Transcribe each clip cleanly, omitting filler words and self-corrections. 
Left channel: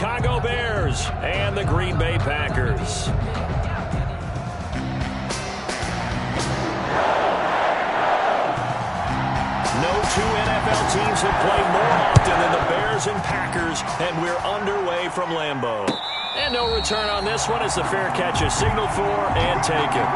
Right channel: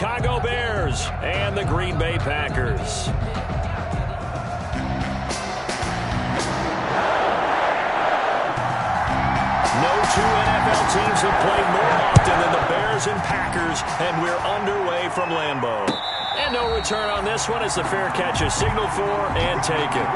Chicago Bears and the Green Bay Packers. No two NFL teams have played more often than the Bears and Packers, and we're underway from Lambeau. And no return on this one as the fair catch is signaled for and taken.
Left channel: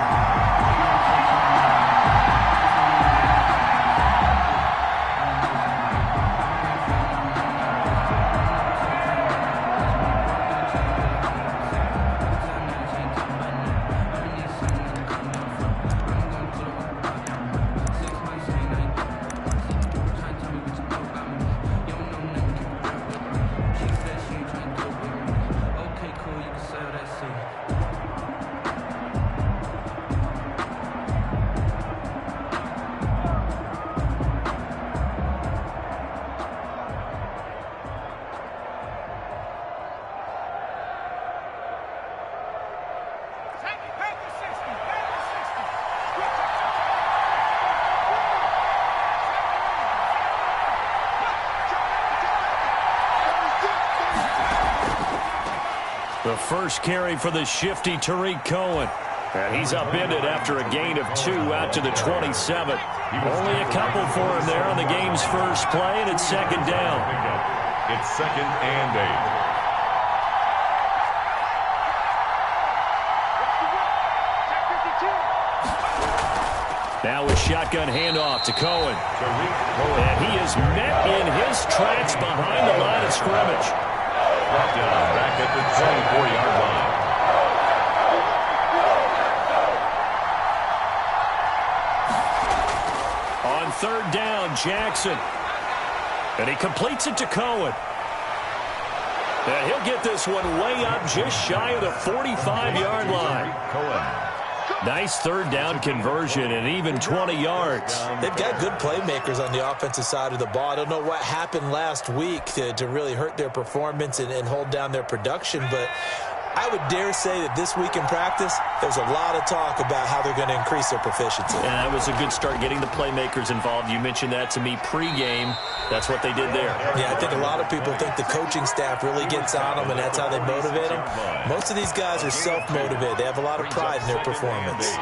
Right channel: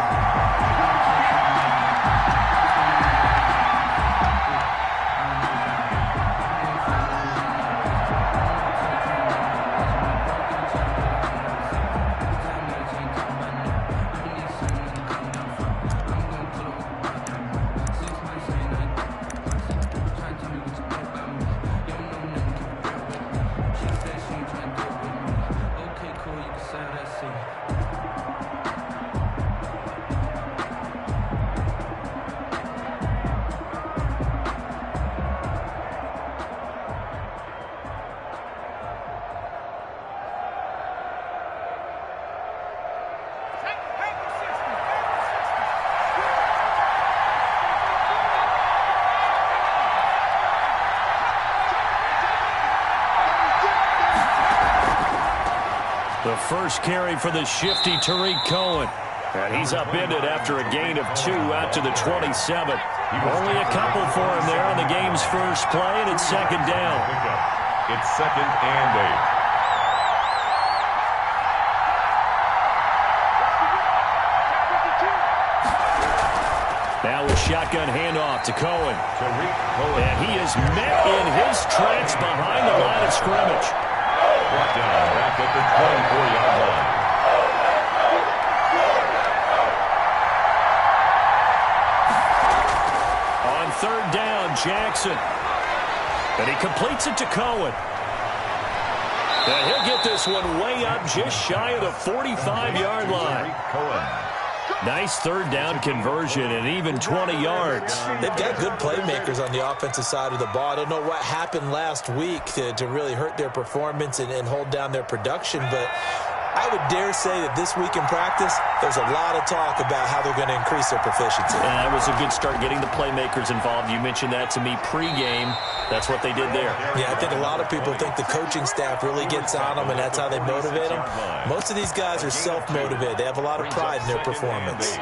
The first carry for the shifty Tariq Cohen. And he's upended after a gain of 2 out to the 27. Only a couple for him there on the game's first play, and it's second down. It's 2nd and 8. Now a shotgun handoff to Cohen. And he is met in his tracks behind the line of scrimmage. Brought down back at the 24-yard line. On third down, Jackson. And he completes it to Cohen. And he'll get this one way up just shy of the 45-yard line. Nice third down conversion and even 20 yards. They've got good playmakers on the offensive side of the ball. I don't know what happened last week to really hurt their performance and hold down their production, but I would dare say that this week in practice, there's a lot of talk about how they're going to increase their proficiency. And that was a good start getting the playmakers involved. You mentioned that to me pregame. That's what they did there. Yeah, I think a lot of people think the coaching staff really gets on them, and that's how they motivate them. Most of these guys are self-motivated. They have a lot of pride in their performance.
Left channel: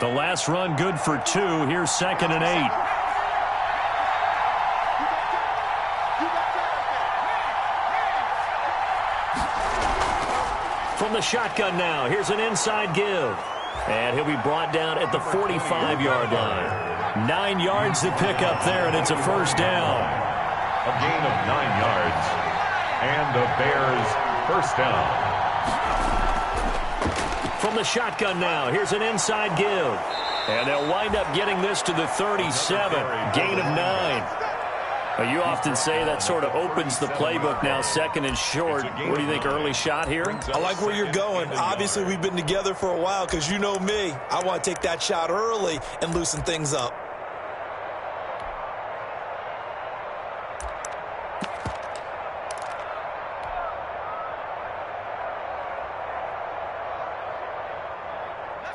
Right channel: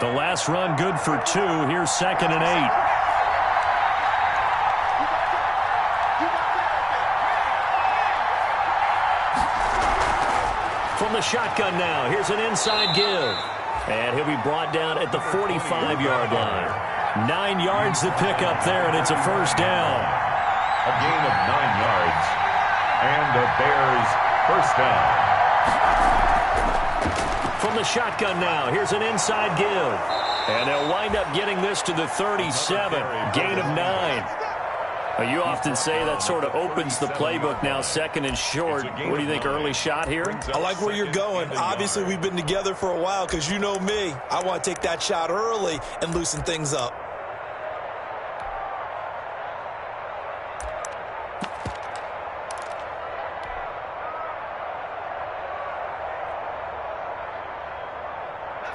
The last run good for 2. Here's 2nd and 8. From the shotgun now, here's an inside give. And he'll be brought down at the 45-yard line. 9 yards to pick up there, and it's a first down. A gain of 9 yards. And the Bears first down. From the shotgun now, here's an inside give. And they'll wind up getting this to the 37. Gain of 9. You often say that sort of opens the playbook now, 2nd and short. What do you think, early shot here? I like where you're going. Obviously, we've been together for a while because you know me. I want to take that shot early and loosen things up.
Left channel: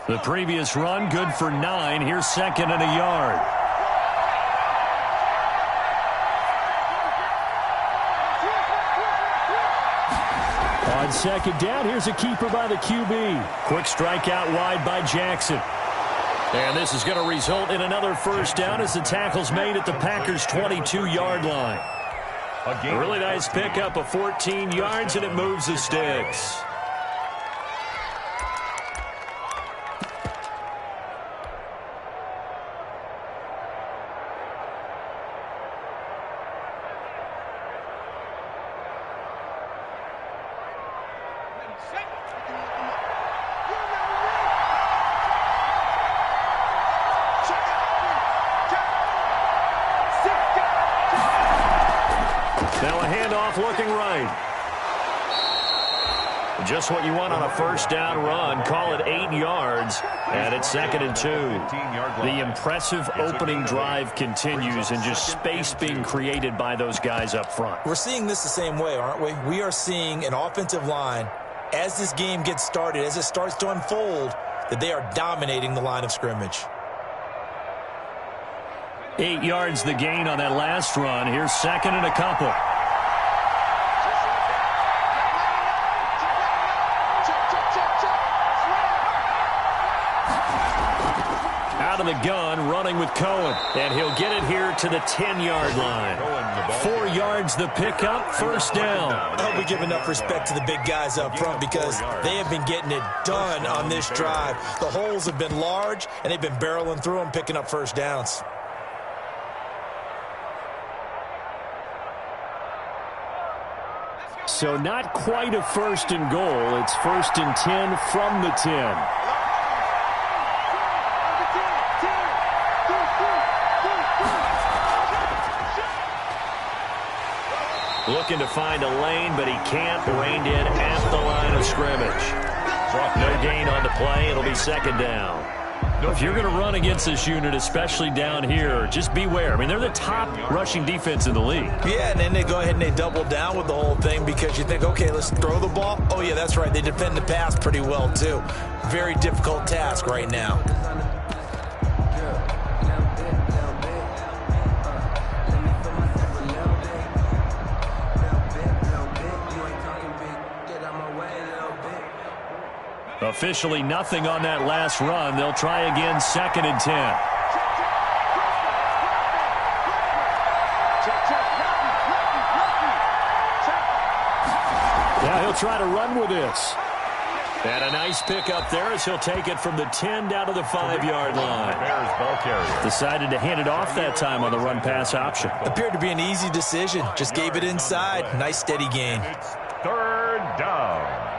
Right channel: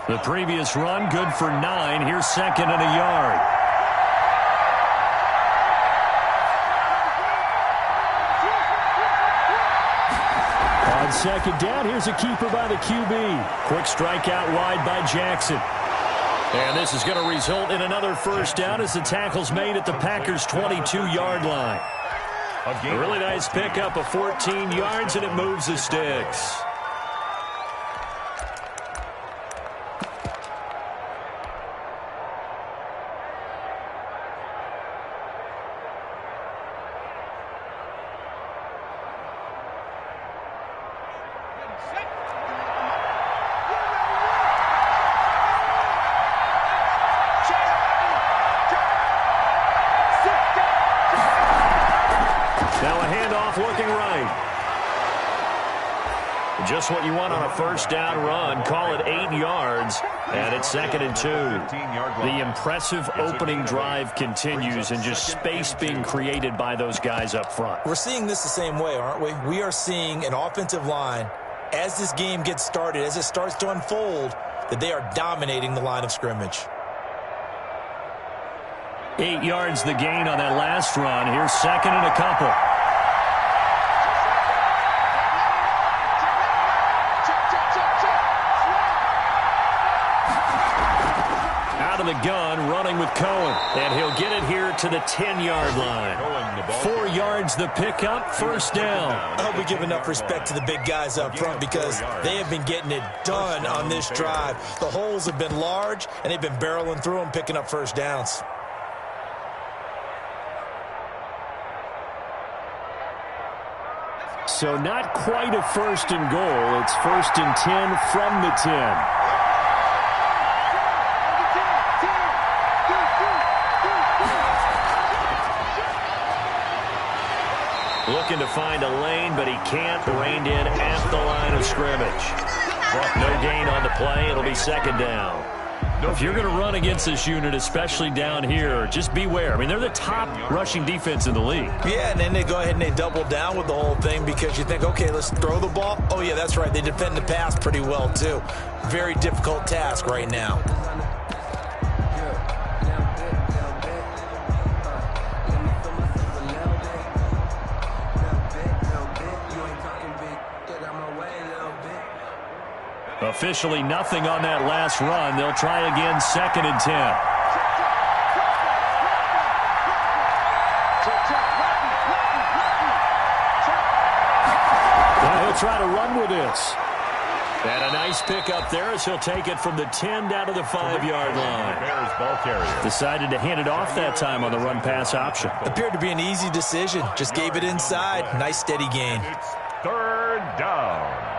The previous run, good for 9. Here's 2nd and a yard. On 2nd down, here's a keeper by the QB. Quick strike out wide by Jackson. And this is going to result in another first down as the tackle's made at the Packers' 22-yard line. A really nice pickup of 14 yards, and it moves the sticks. Now a handoff looking right. Just what you want on a first down run. Call it 8 yards, and it's 2nd and 2. The impressive opening drive continues, and just space being created by those guys up front. We're seeing this the same way, aren't we? We are seeing an offensive line, as this game gets started, as it starts to unfold, that they are dominating the line of scrimmage. 8 yards the gain on that last run. Here's 2nd and a couple. Out of the gun, running with Cohen. And he'll get it here to the 10-yard line. 4 yards the pickup, first down. I hope we give enough respect to the big guys up front because they have been getting it done on this drive. The holes have been large, and they've been barreling through them, picking up first downs. So not quite a 1st and goal. It's 1st and 10 from the 10. Looking to find a lane, but he can't. Reined in at the line of scrimmage. No gain on the play. It'll be 2nd down. If you're going to run against this unit, especially down here, just beware. I mean, they're the top rushing defense in the league. Yeah, and then they go ahead and they double down with the whole thing because you think, okay, let's throw the ball. Oh, yeah, that's right. They defend the pass pretty well, too. Very difficult task right now. Officially nothing on that last run. They'll try again, 2nd and 10. Now he'll try to run with this. And a nice pickup there as he'll take it from the 10 down to the 5-yard line. Bears ball carrier. Decided to hand it off that time on the run-pass option. Appeared to be an easy decision. Just gave it inside. Nice steady gain. It's 3rd down.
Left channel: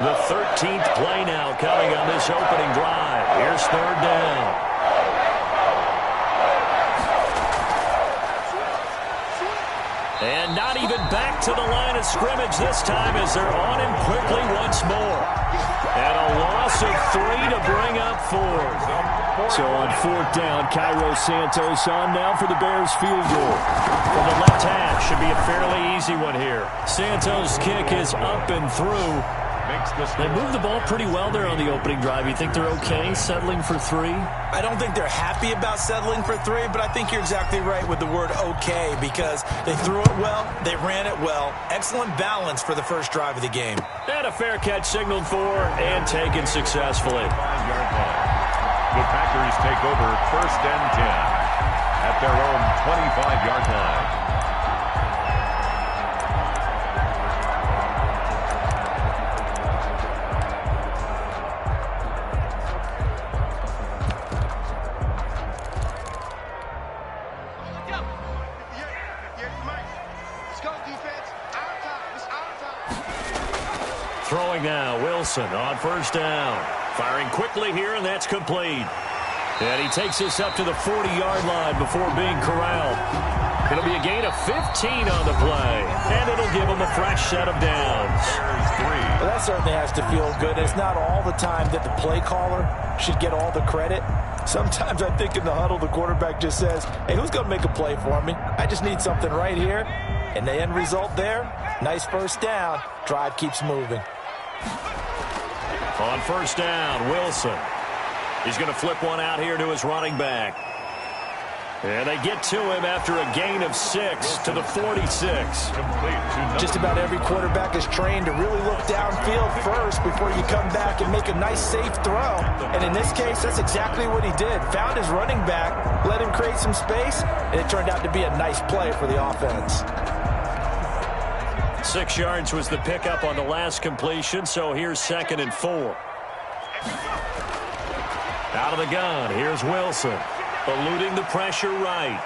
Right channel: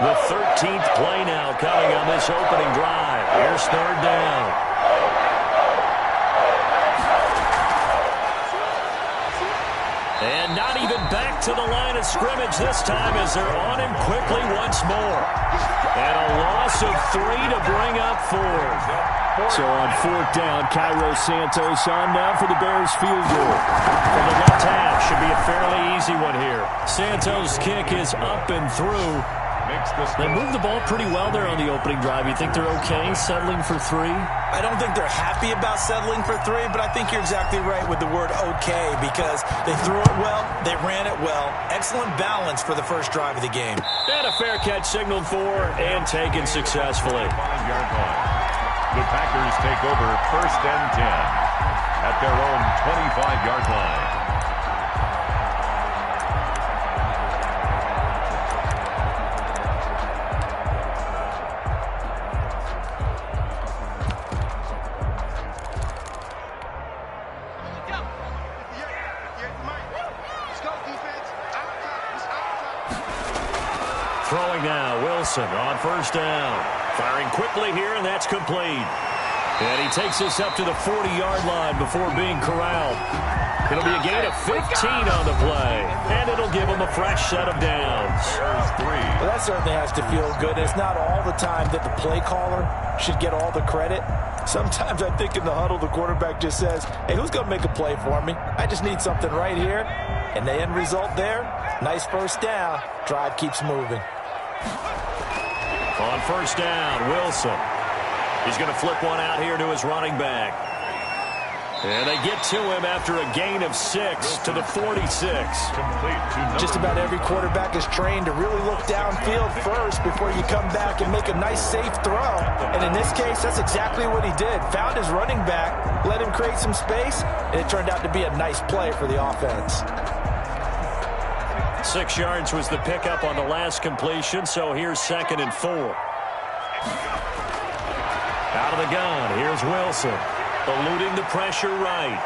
The 13th play now coming on this opening drive. Here's 3rd down. And not even back to the line of scrimmage this time as they're on him quickly once more. And a loss of 3 to bring up 4. So on 4th down, Cairo Santos on now for the Bears field goal. From the left half, should be a fairly easy one here. Santos' kick is up and through. They moved the ball pretty well there on the opening drive. You think they're okay settling for 3? I don't think they're happy about settling for 3, but I think you're exactly right with the word okay because they threw it well, they ran it well. Excellent balance for the first drive of the game. And a fair catch signaled for and taken successfully. 5-yard line. The Packers take over 1st and 10 at their own 25-yard line. Throwing now, Wilson on 1st down. Firing quickly here, and that's complete. And he takes this up to the 40-yard line before being corralled. It'll be a gain of 15 on the play, and it'll give him a fresh set of downs. Well, that certainly has to feel good. It's not all the time that the play caller should get all the credit. Sometimes I think in the huddle, the quarterback just says, hey, who's going to make a play for me? I just need something right here. And the end result there, nice 1st down. Drive keeps moving. On 1st down, Wilson. He's going to flip one out here to his running back. And they get to him after a gain of 6 to the 46. Just about every quarterback is trained to really look downfield first before you come back and make a nice, safe throw. And in this case, that's exactly what he did. Found his running back, let him create some space, and it turned out to be a nice play for the offense. 6 yards was the pickup on the last completion, so here's 2nd and 4. Out of the gun, here's Wilson. Eluding the pressure right.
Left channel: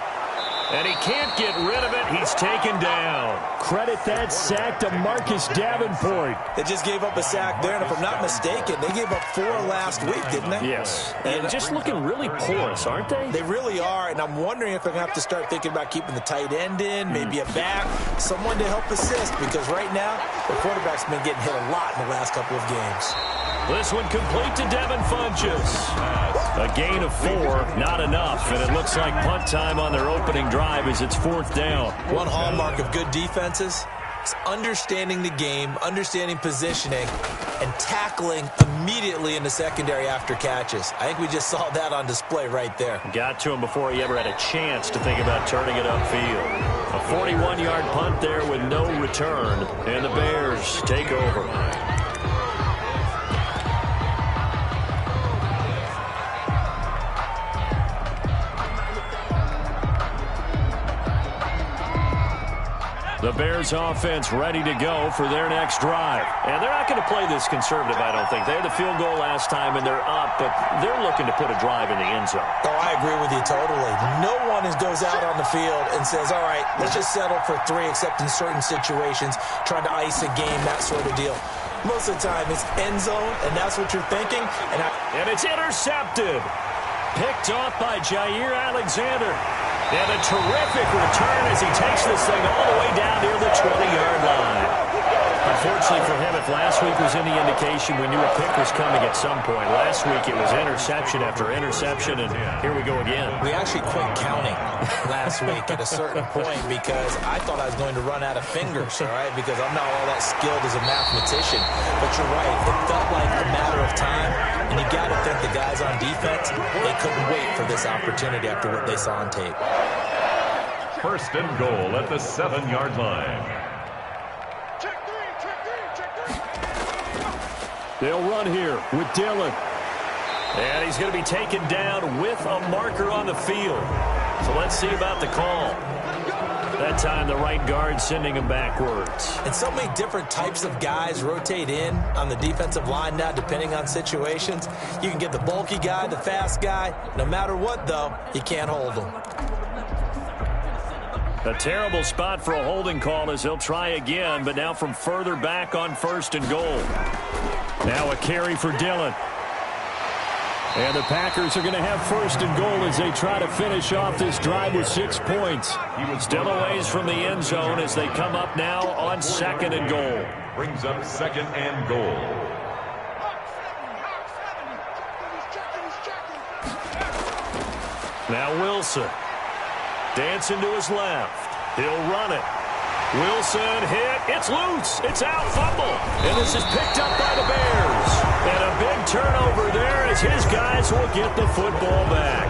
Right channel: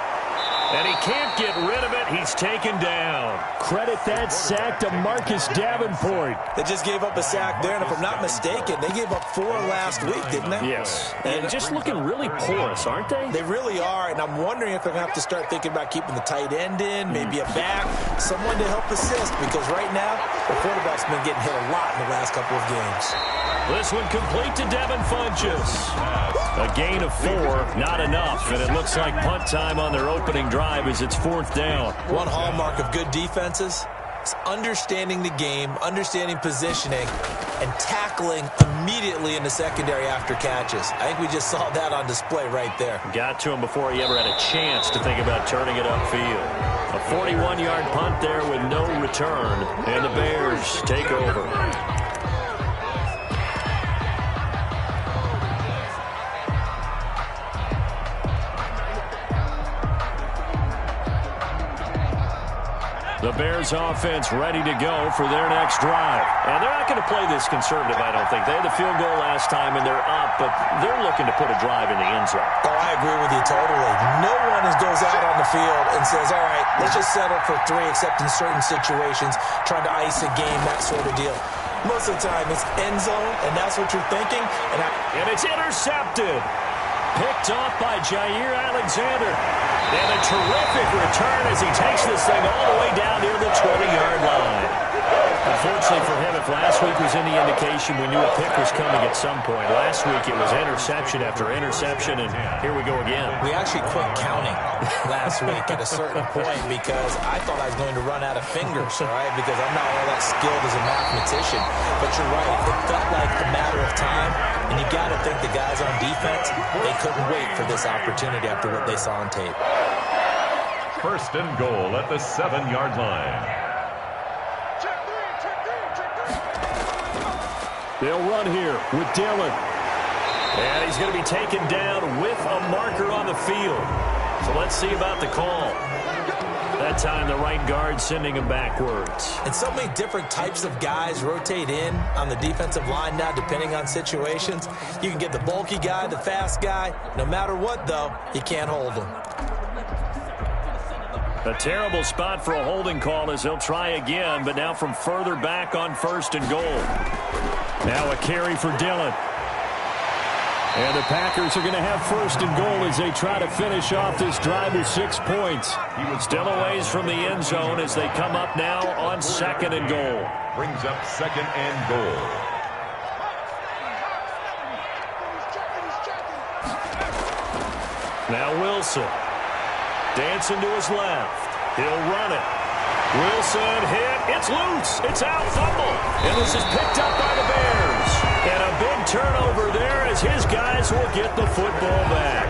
And he can't get rid of it. He's taken down. Credit that sack to Marcus Davenport. They just gave up a sack there, and if I'm not mistaken, they gave up 4 last week, didn't they? Yes. And just looking really porous, aren't they? They really are, and I'm wondering if they're going to have to start thinking about keeping the tight end in, maybe a back, someone to help assist, because right now, the quarterback's been getting hit a lot in the last couple of games. This one complete to Devin Funchess. A gain of 4, not enough, and it looks like punt time on their opening drive as it's 4th down. One hallmark of good defenses is understanding the game, understanding positioning, and tackling immediately in the secondary after catches. I think we just saw that on display right there. Got to him before he ever had a chance to think about turning it upfield. A 41-yard punt there with no return, and the Bears take over. The Bears offense ready to go for their next drive. And they're not going to play this conservative, I don't think. They had the field goal last time, and they're up, but they're looking to put a drive in the end zone. Oh, I agree with you totally. No one goes out on the field and says, all right, let's just settle for 3, except in certain situations, trying to ice a game, that sort of deal. Most of the time, it's end zone, and that's what you're thinking. And it's intercepted. Picked off by Jair Alexander. And a terrific return as he takes this thing all the way down near the 20-yard line. Unfortunately for him, if last week was any indication, we knew a pick was coming at some point. Last week it was interception after interception, and here we go again. We actually quit counting last week at a certain point because I thought I was going to run out of fingers, all right, because I'm not all that skilled as a mathematician. But you're right, it felt like a matter of time, and you got to think the guys on defense, they couldn't wait for this opportunity after what they saw on tape. 1st and goal at the 7-yard line. They'll run here with Dillon. And he's going to be taken down with a marker on the field. So let's see about the call. That time the right guard sending him backwards. And so many different types of guys rotate in on the defensive line now, depending on situations. You can get the bulky guy, the fast guy. No matter what, though, you can't hold him. A terrible spot for a holding call as he'll try again, but now from further back on 1st and goal. Now a carry for Dillon. And the Packers are going to have 1st and goal as they try to finish off this drive with 6 points. He was still a ways from the end zone as they come up now on 2nd and goal. Brings up 2nd and goal. Now Wilson. Dancing to his left. He'll run it. Wilson hit. It's loose. It's out. Fumble. And this is picked up by the Bears. And a big turnover there as his guys will get the football back.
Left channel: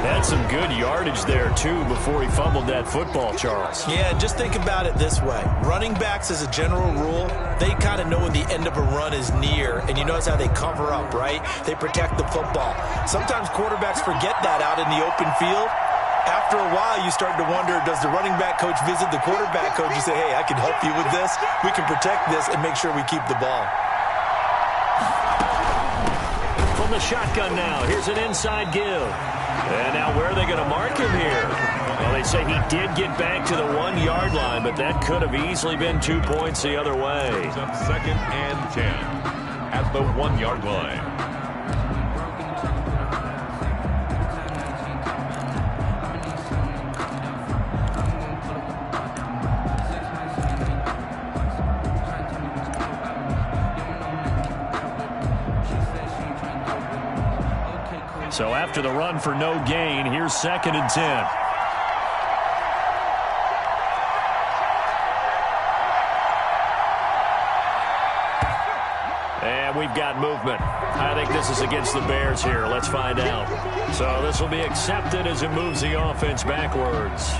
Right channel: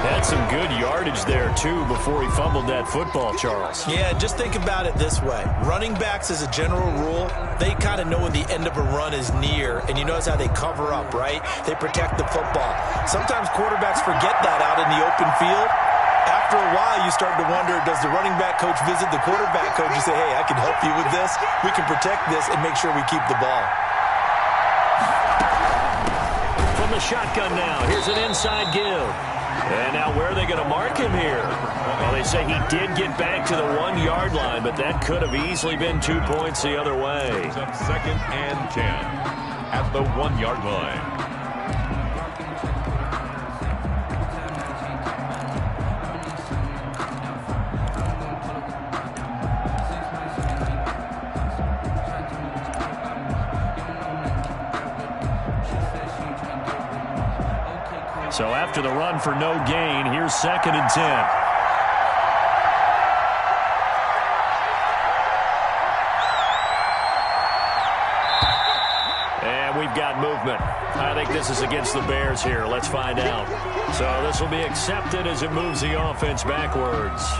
Had some good yardage there, too, before he fumbled that football, Charles. Yeah, just think about it this way. Running backs, as a general rule, they kind of know when the end of a run is near, and you notice how they cover up, right? They protect the football. Sometimes quarterbacks forget that out in the open field. After a while, you start to wonder, does the running back coach visit the quarterback coach and say, hey, I can help you with this. We can protect this and make sure we keep the ball. From the shotgun now, here's an inside give. And now where are they going to mark him here? Well, they say he did get back to the 1-yard line, but that could have easily been 2 points the other way. It's up 2nd and 10 at the 1-yard line. So after the run for no gain, here's 2nd and 10. And we've got movement. I think this is against the Bears here. Let's find out. So this will be accepted as it moves the offense backwards.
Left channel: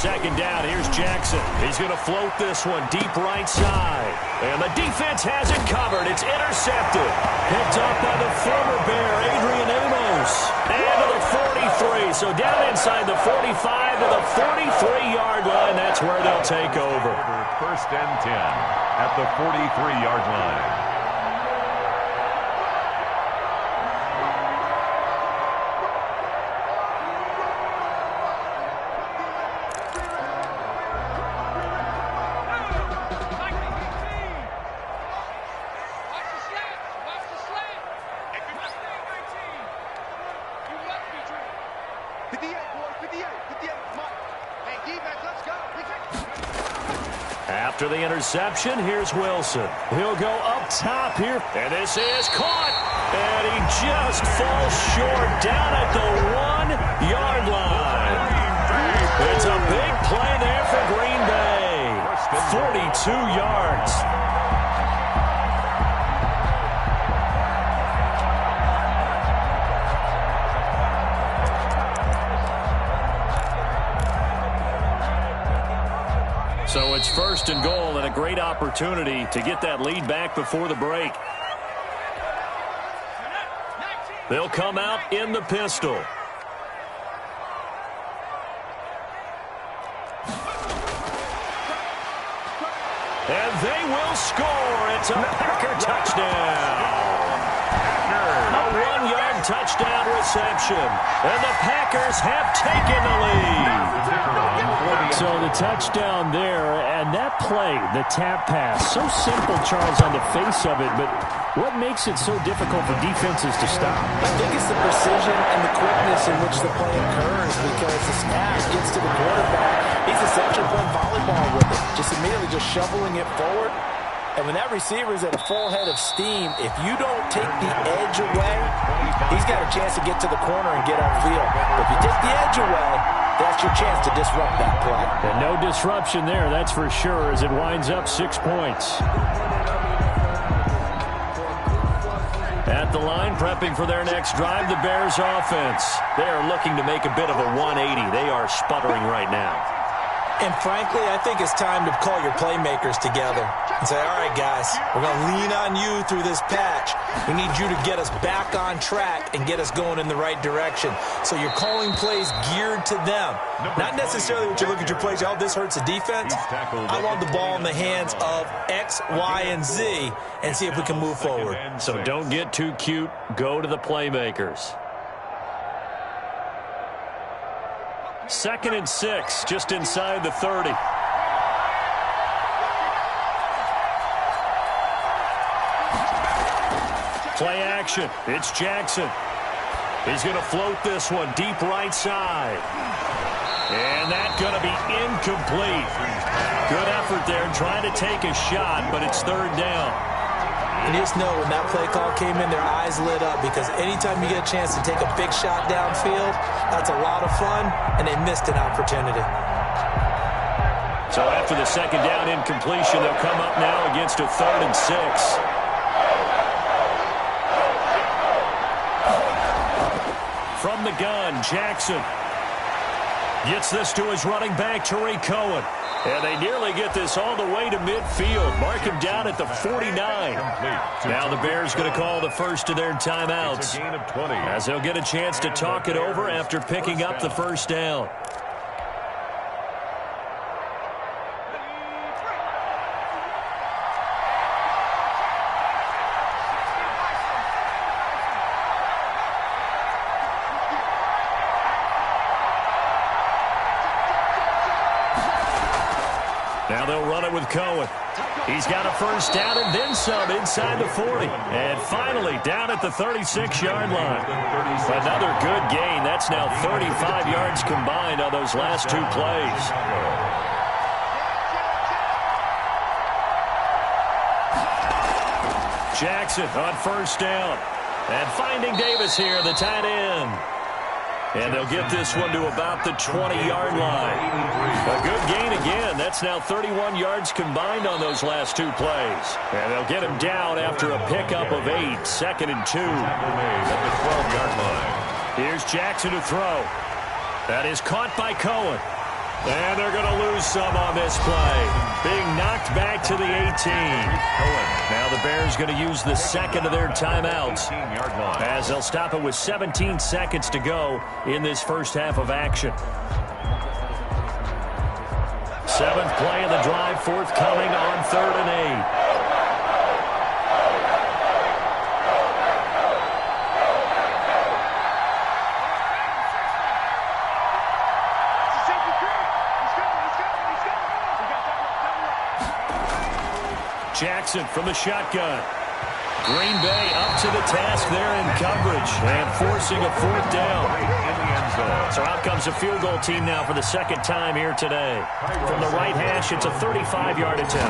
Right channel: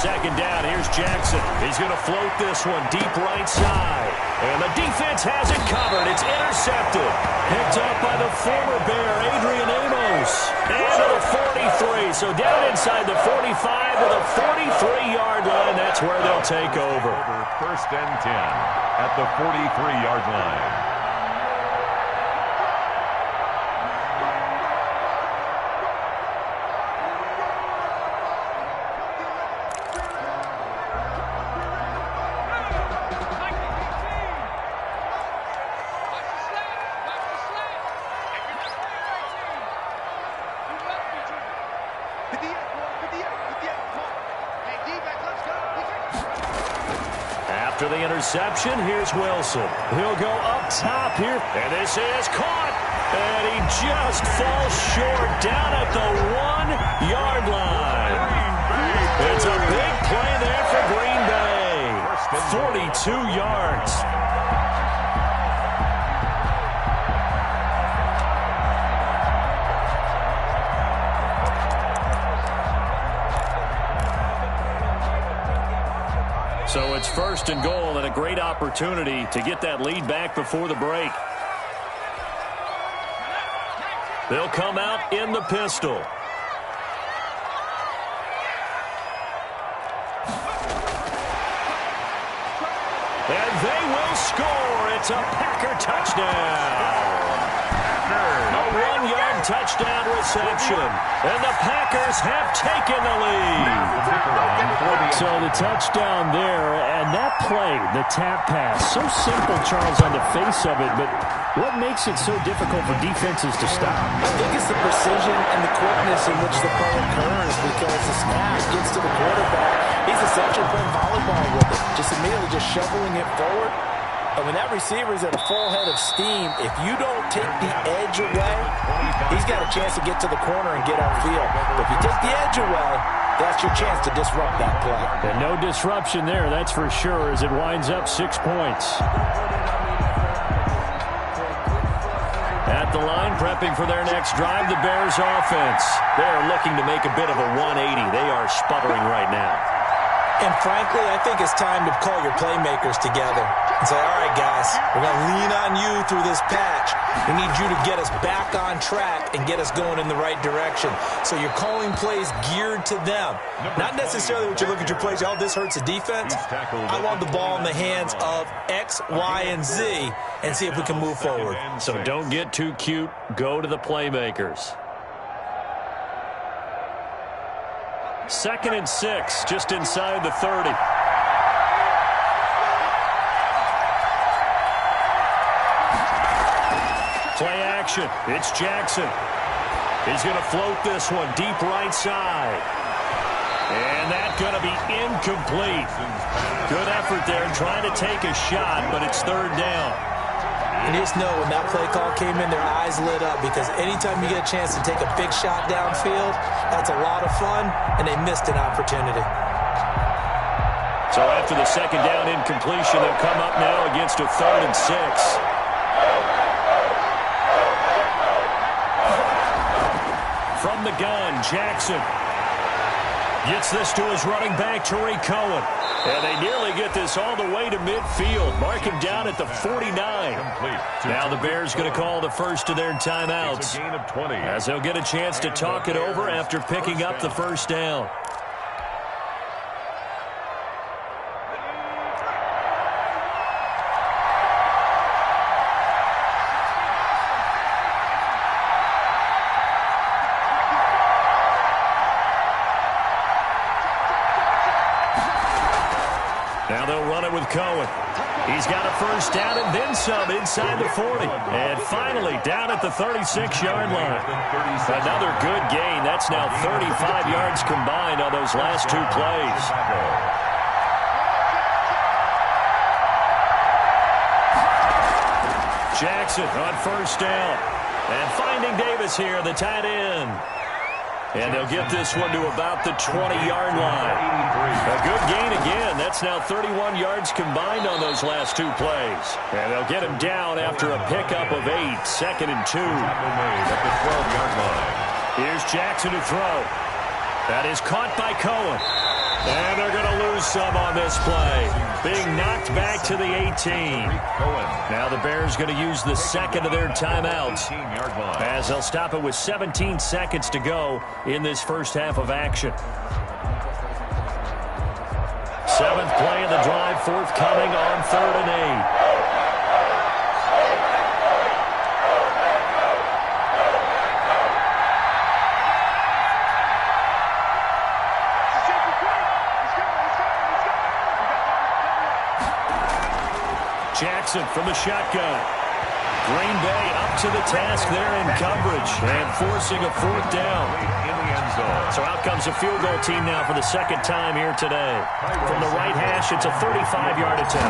second down. Here's Jackson. He's going to float this one deep right side. And the defense has it covered. It's intercepted. Picked up by the former Bear, Adrian Amos. And to the 43. So down inside the 45 to the 43-yard line. That's where they'll take over. First and 10 at the 43-yard line. After the interception, here's Wilson. He'll go up top here. And this is caught. And he just falls short down at the 1-yard line. It's a big play there for Green Bay. 42 yards. So it's first and goal and a great opportunity to get that lead back before the break. They'll come out in the pistol. And they will score. It's a Packer touchdown. A 1-yard touchdown reception. And the Packers have taken the lead. So the touchdown there, and that play, the tap pass, so simple, Charles, on the face of it, but what makes it so difficult for defenses to stop? I think it's the precision and the quickness in which the play occurs, because the snap gets to the quarterback. He's essentially playing volleyball with it, just immediately just shoveling it forward. And when that receiver is at a full head of steam, if you don't take the edge away, he's got a chance to get to the corner and get upfield. But if you take the edge away, that's your chance to disrupt that play. And no disruption there, that's for sure, as it winds up 6 points. At the line, prepping for their next drive, the Bears offense. They are looking to make a bit of a 180. They are sputtering right now. And frankly, I think it's time to call your playmakers together and say, all right, guys, we're going to lean on you through this patch. We need you to get us back on track and get us going in the right direction. So you're calling plays geared to them. Not necessarily what you look at your plays, oh, this hurts the defense. I want the ball in the hands of X, Y, and Z and see if we can move forward. So don't get too cute. Go to the playmakers. 2nd and 6, just inside the 30. Play action. It's Jackson. He's going to float this one deep right side. And that's going to be incomplete. Good effort there trying to take a shot, but it's 3rd down. And you just know when that play call came in, their eyes lit up, because anytime you get a chance to take a big shot downfield, that's a lot of fun, and they missed an opportunity. So after the 2nd down incompletion, they'll come up now against a 3rd and 6. From the gun, Jackson gets this to his running back, Tariq Cohen. And they nearly get this all the way to midfield. Mark him down at the 49. Now the Bears going to call the first of their timeouts, as they'll get a chance to talk it over after picking up the first down. Now they'll run it with Cohen. He's got a first down and then some inside the 40. And finally down at the 36-yard line. Another good gain. That's now 35 yards combined on those last 2 plays. Jackson on first down. And finding Davis here, the tight end. And they'll get this one to about the 20-yard line. A good gain again. That's now 31 yards combined on those last 2 plays. And they'll get him down after a pickup of 8. 2nd and 2. At the 12-yard line. Here's Jackson to throw. That is caught by Cohen. And they're going to lose some on this play. Being knocked back to the 18. Now the Bears going to use the second of their timeouts, as they'll stop it with 17 seconds to go in this first half of action. Seventh play of the drive, forthcoming on 3rd and 8. Jackson from the shotgun. Green Bay up to the task there in coverage and forcing a 4th down. In the end zone. So out comes a field goal team now for the second time here today. From the right hash, it's a 35-yard attempt. A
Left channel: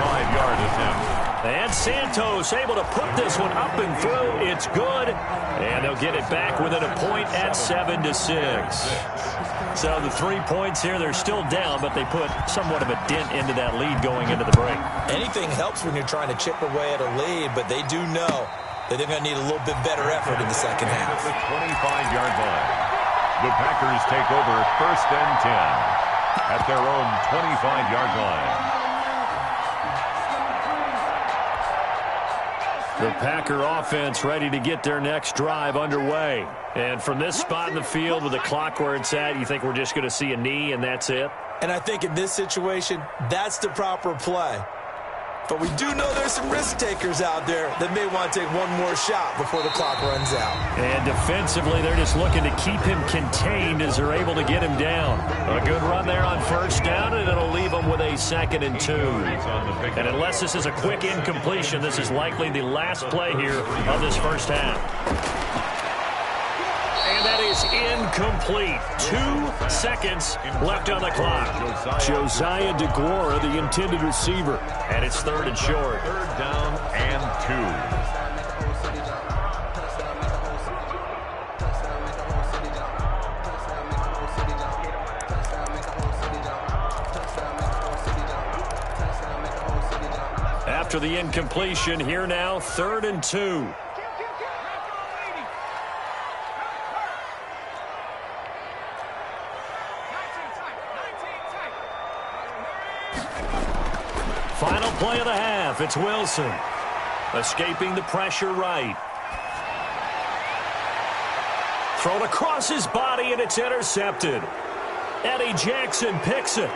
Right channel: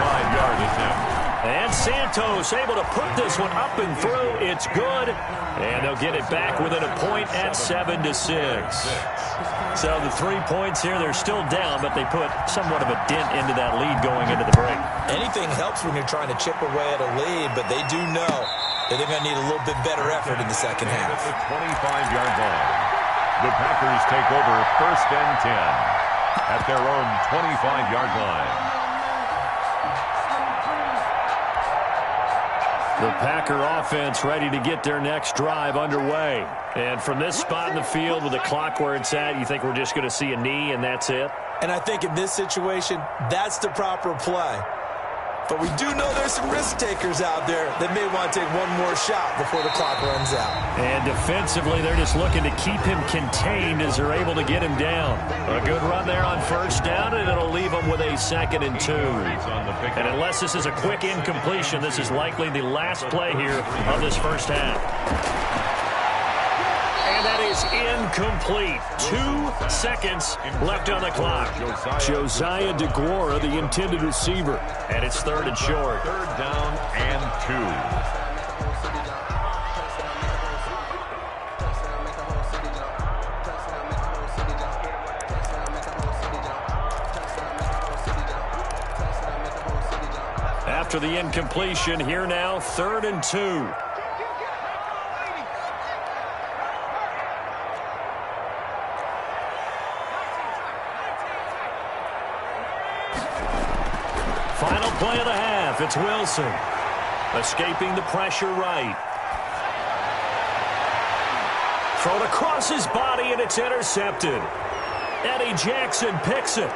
35-yard attempt. And Santos able to put this one up and through. It's good. And they'll get it back within a point at 7-6. So the 3 points here, they're still down, but they put somewhat of a dent into that lead going into the break. Anything helps when you're trying to chip away at a lead, but they do know that they're going to need a little bit better effort in the second half. At the 25-yard line. The Packers take over 1st and 10 at their own 25-yard line. The Packer offense ready to get their next drive underway. And from this spot in the field with the clock where it's at, you think we're just going to see a knee and that's it? And I think in this situation, that's the proper play. But we do know there's some risk takers out there that may want to take one more shot before the clock runs out. And defensively, they're just looking to keep him contained as they're able to get him down. A good run there on 1st down, and it'll leave them with a 2nd and 2. And unless this is a quick incompletion, this is likely the last play here of this first half. And that is incomplete. 2 seconds left on the clock. Josiah DeGuara, the intended receiver. And it's 3rd and short. 3rd down and 2. After the incompletion, here now, 3rd and 2. Final play of the half. It's Wilson. Escaping the pressure right. Thrown across his body, and it's intercepted. Eddie Jackson picks it.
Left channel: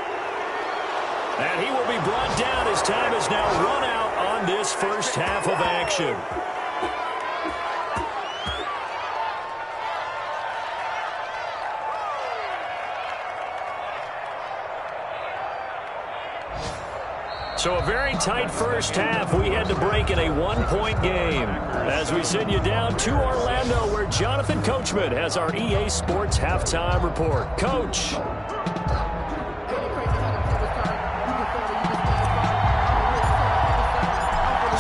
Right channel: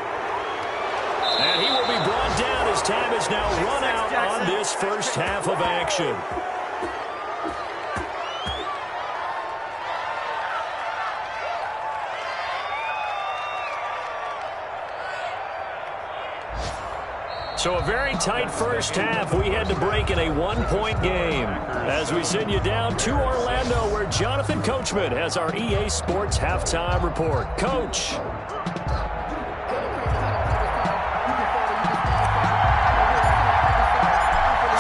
And he will be brought down as time has now run out on this first half of action. So a very tight first half. We had to break in a 1-point game as we send you down to Orlando, where Jonathan Coachman has our EA Sports halftime report. Coach.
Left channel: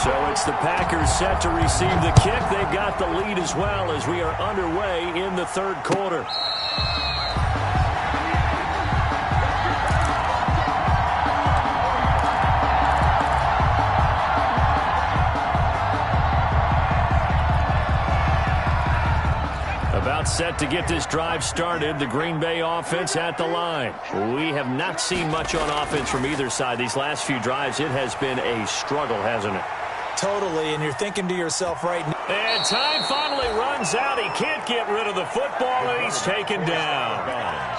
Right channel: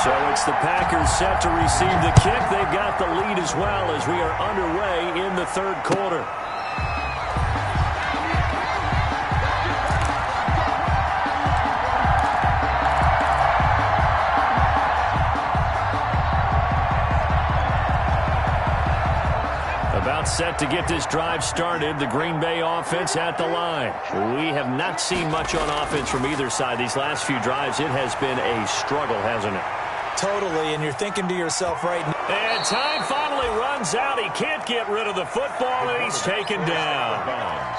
So it's the Packers set to receive the kick. They've got the lead as well as we are underway in the 3rd quarter. About set to get this drive started. The Green Bay offense at the line. We have not seen much on offense from either side. These last few drives, it has been a struggle, hasn't it? Totally, and you're thinking to yourself right now. And time finally runs out. He can't get rid of the football, and he's taken down.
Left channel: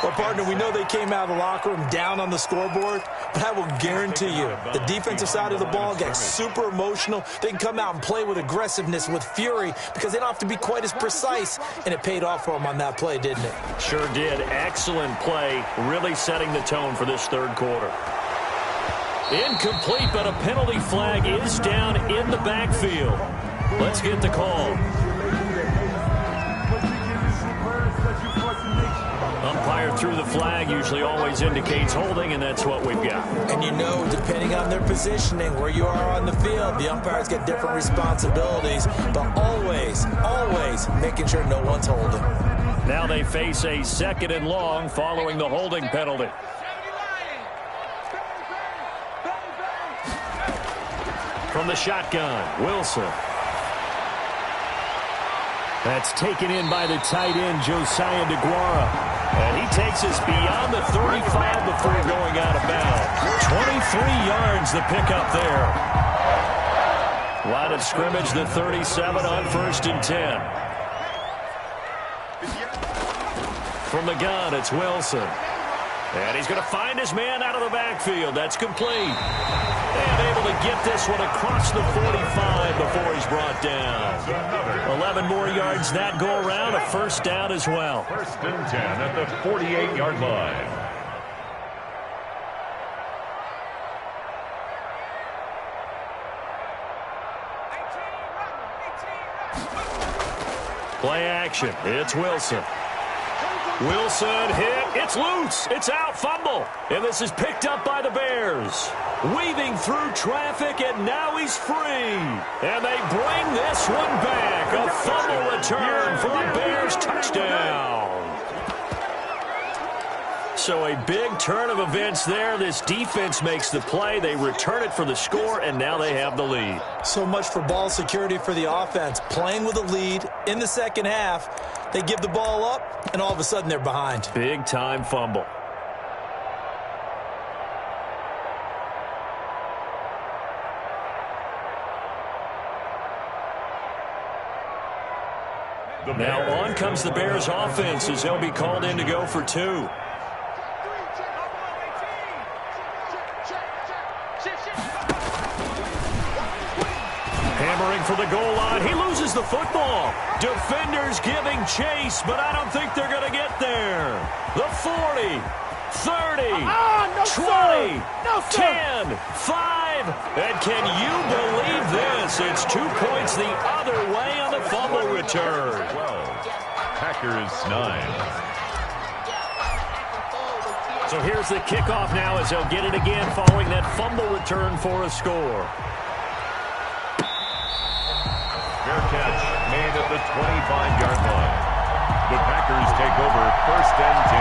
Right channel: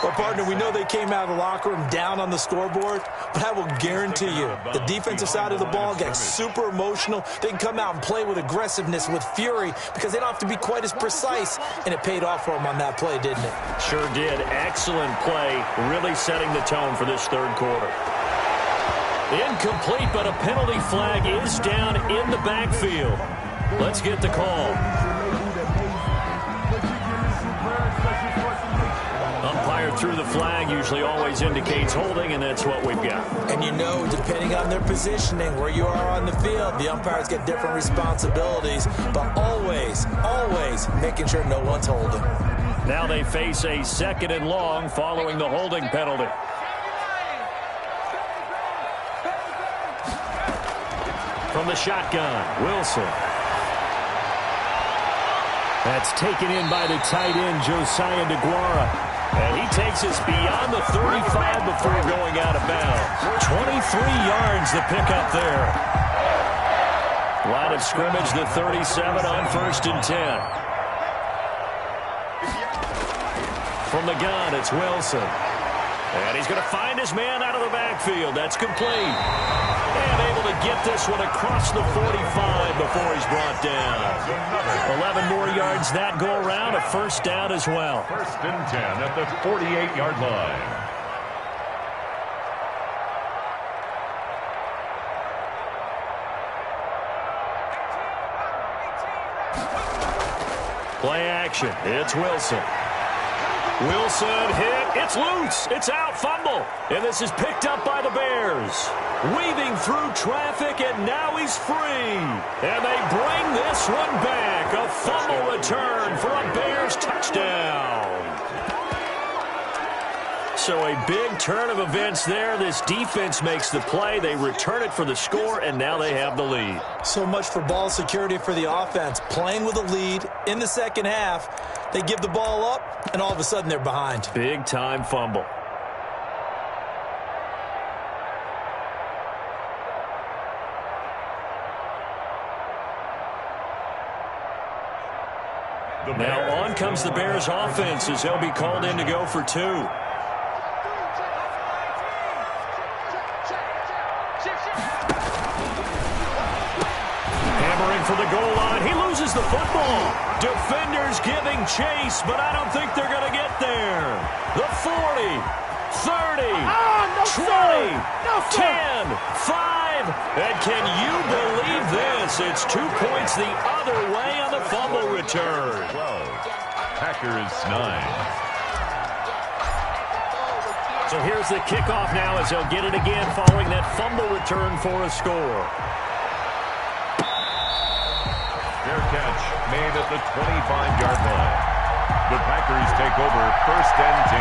Well, partner, we know they came out of the locker room down on the scoreboard, but I will guarantee you the defensive side of the ball gets super emotional. They can come out and play with aggressiveness, with fury, because they don't have to be quite as precise, and it paid off for them on that play, didn't it? Sure did. Excellent play, really setting the tone for this 3rd quarter. Incomplete, but a penalty flag is down in the backfield. Let's get the call. Umpire threw the flag, usually always indicates holding, and that's what we've got. And you know, depending on their positioning, where you are on the field, the umpires get different responsibilities, but always, always making sure no one's holding. Now they face a 2nd and long following the holding penalty. From the shotgun, Wilson. That's taken in by the tight end, Josiah DeGuara. And he takes us beyond the 35 before going out of bounds. 23 yards the pickup there. Line of scrimmage, the 37 on 1st and 10. From the gun, it's Wilson. And he's going to find his man out of the backfield. That's complete. And able to get this one across the 45 before he's brought down. 11 more yards that go around, a first down as well. 1st and 10 at the 48-yard line. Play action. It's Wilson. Wilson hit. It's loose. It's out. Fumble. And this is picked up by the Bears. Weaving through traffic, and now he's free. And they bring this one back. A fumble return for a Bears touchdown. So a big turn of events there. This defense makes the play. They return it for the score, and now they have the lead. So much for ball security for the offense. Playing with a lead in the second half. They give the ball up, and all of a sudden they're behind. Big-time fumble. Now on comes the Bears offense as they'll be called in to go for 2. Hammering for the goal line. He loses the football. Defenders giving chase, but I don't think they're going to get there. The 40, 30, 20, 10, 5. And can you believe this? It's 2 points the other way on the fumble return. 12. Packers 9. So here's the kickoff now as they'll get it again following that fumble return for a score. Fair catch made at the 25-yard line. The Packers take over 1st and 10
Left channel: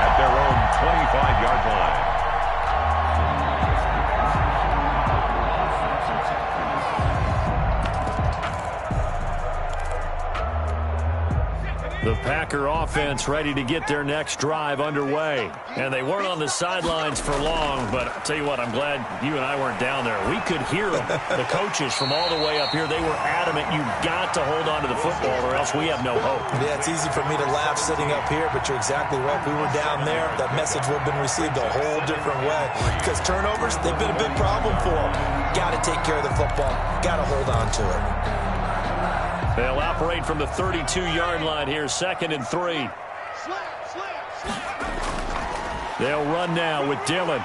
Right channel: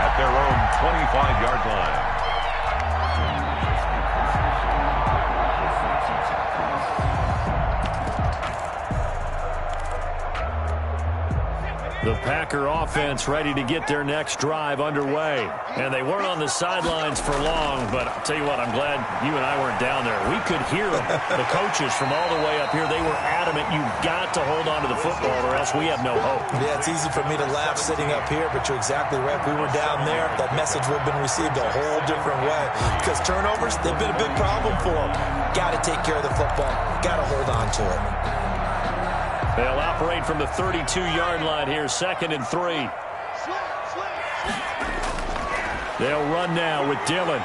at their own 25-yard line. The Packer offense ready to get their next drive underway. And they weren't on the sidelines for long, but I'll tell you what, I'm glad you and I weren't down there. We could hear them, the coaches from all the way up here. They were adamant, you've got to hold on to the football or else we have no hope. Yeah, it's easy for me to laugh sitting up here, but you're exactly right. If we were down there, that message would have been received a whole different way. Because turnovers, they've been a big problem for them. Got to take care of the football. Got to hold on to it. They'll operate from the 32-yard line here, 2nd and 3. They'll run now with Dillon.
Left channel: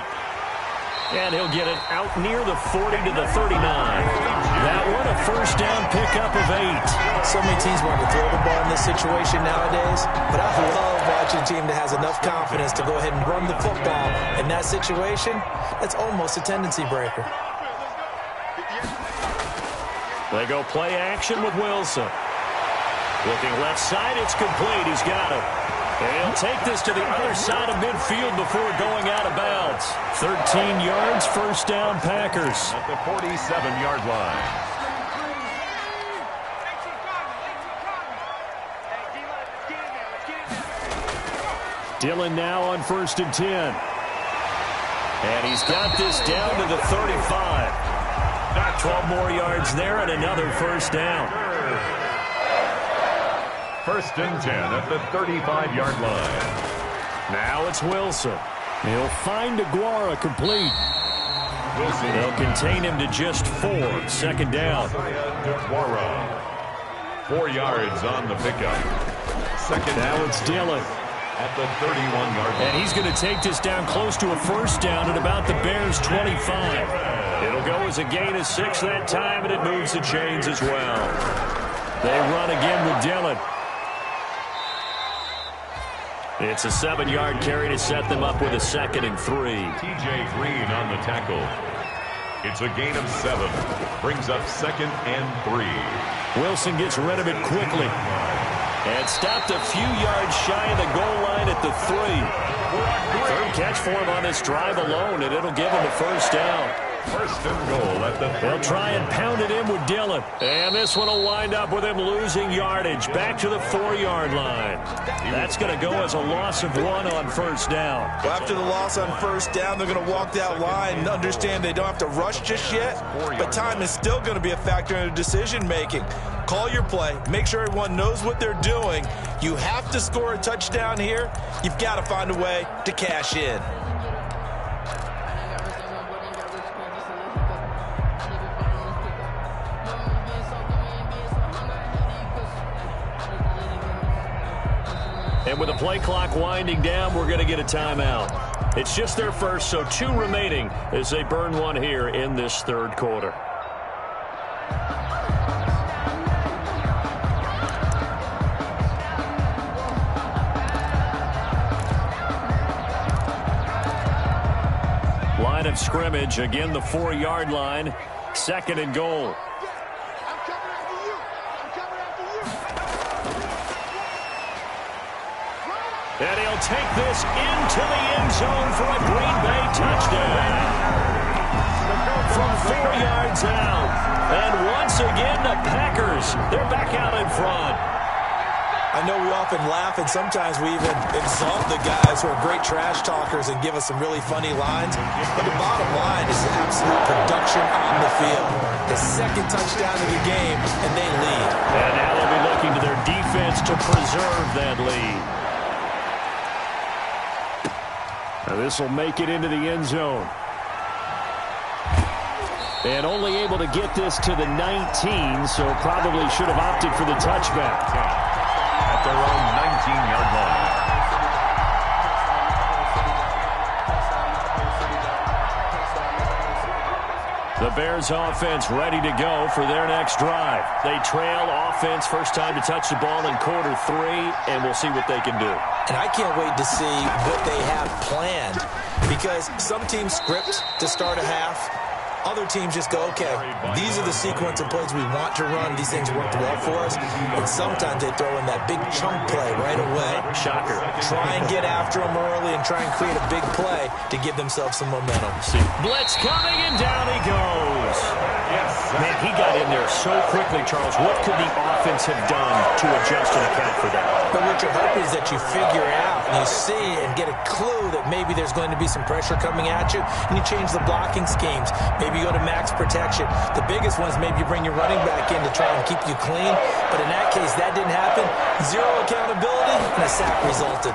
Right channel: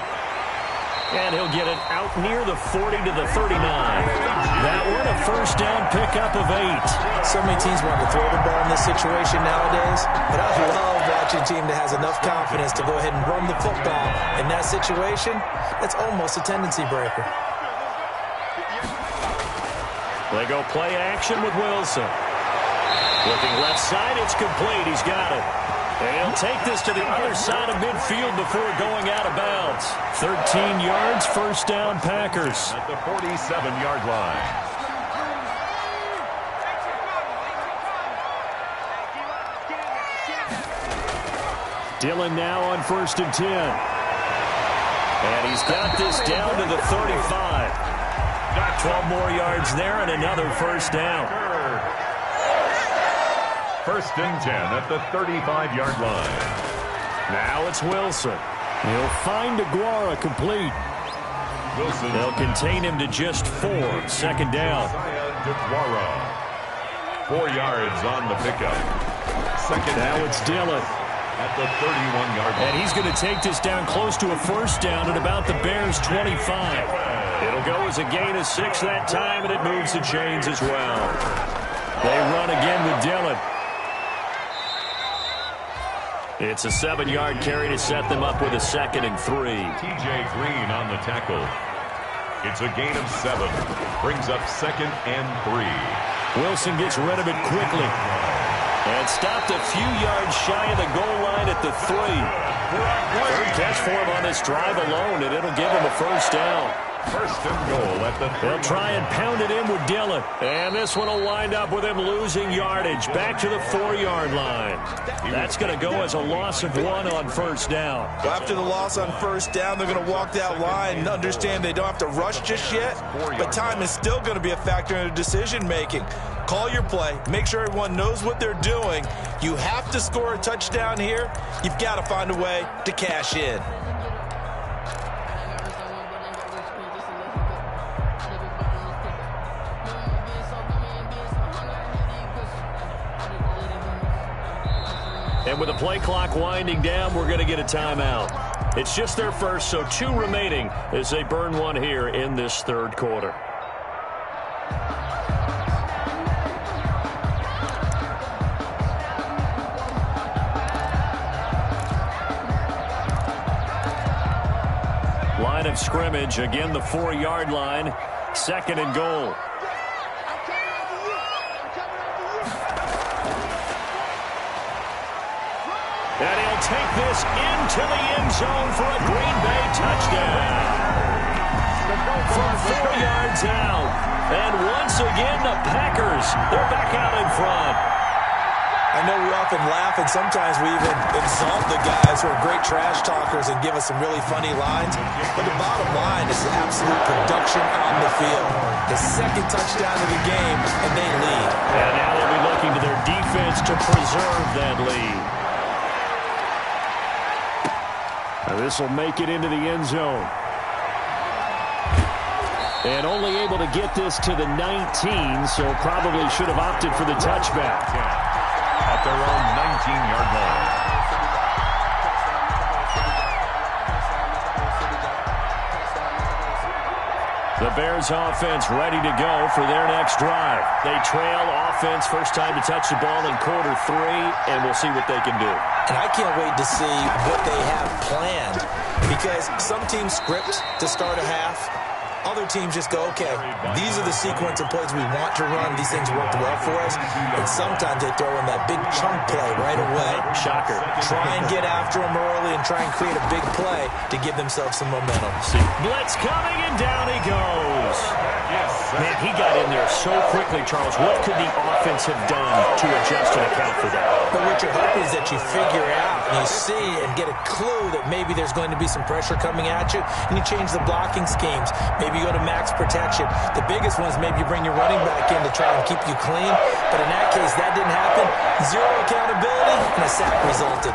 And he'll get it out near the 40 to the 39. That one a first down pickup of 8. So many teams want to throw the ball in this situation nowadays, but I love watching a team that has enough confidence to go ahead and run the football. In that situation, that's almost a tendency breaker. They go play action with Wilson. Looking left side, it's complete. He's got it. And he'll take this to the other side of midfield before going out of bounds. 13 yards, first down, Packers. At the 47-yard line. Dillon now on 1st and 10. And he's got this down to the 35. 12 more yards there and another first down. 1st and 10 at the 35-yard line. Now it's Wilson. He'll find DeGuara complete. Wilson. They'll contain him to just 4. 2nd down. DeGuara. 4 yards on the pickup. 2nd now down. it's Dillon. At the 31-yard line. And he's going to take this down close to a first down at about the Bears' 25. It'll go as a gain of 6 that time, and it moves the chains as well. They run again with Dillon. It's a 7-yard carry to set them up with a 2nd and 3. TJ Green on the tackle. It's a gain of 7. Brings up 2nd and 3. Wilson gets rid of it quickly. And stopped a few yards shy of the goal line at the 3. Third catch for him on this drive alone, and it'll give him a first down. First and goal at the 3. They'll try and pound it in with Dillon. And this one will wind up with him losing yardage back to the 4-yard line. That's going to go as a loss of 1 on first down. Well, after the loss on first down, they're going to walk that line and understand they don't have to rush just yet, but time is still going to be a factor in their decision-making. Call your play. Make sure everyone knows what they're doing. You have to score a touchdown here. You've got to find a way to cash in. And with the play clock winding down, we're going to get a timeout. It's just their first, so 2 remaining as they burn 1 here in this third quarter. Line of scrimmage, again the 4-yard line, 2nd and goal. And he'll take this into the end zone for a Green Bay touchdown. From 4 yards out. And once again, the Packers, they're back out in front. I know we often laugh, and sometimes we even exalt the guys who are great trash talkers and give us some really funny lines. But the bottom line is the absolute production on the field. The 2nd touchdown of the game, and they lead. And now they'll be looking to their defense to preserve that lead. Now this will make it into the end zone. And only able to get this to the 19, so probably should have opted for the touchback. At their own 19-yard line. The Bears offense ready to go for their next drive. They trail offense, first time to touch the ball in quarter 3, and we'll see what they can do. And I can't wait to see what they have planned, because some teams script to start a half. Other teams just go, okay, these are the sequence of plays we want to run. These things worked well for us. And sometimes they throw in that big chunk play right away. Shocker. Try and get after them early and try and create a big play to give themselves some momentum. See, blitz coming, and down he goes. Man, he got in there so quickly, Charles. What could the offense have done to adjust and account for that? But what you're hoping is that you figure out and you see and get a clue that maybe there's going to be some pressure coming at you, and you change the blocking schemes. Maybe you go to max protection. The biggest one is maybe you bring your running back in to try and keep you clean. But in that case, that didn't happen. 0 accountability, and a sack resulted.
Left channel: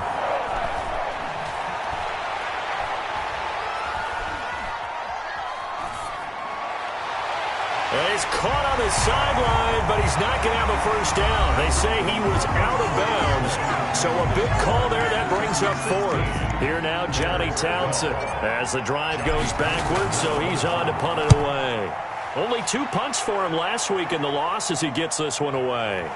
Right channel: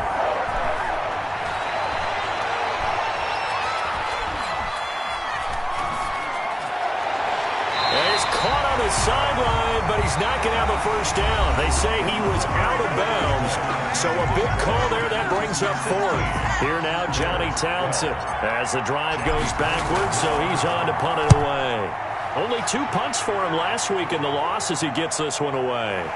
He's caught on the sideline, but he's not going to have a first down. They say he was out of bounds, so a big call there. That brings up 4th. Here now, Johnny Townsend, as the drive goes backwards, so he's on to punt it away. Only 2 punts for him last week in the loss as he gets this one away.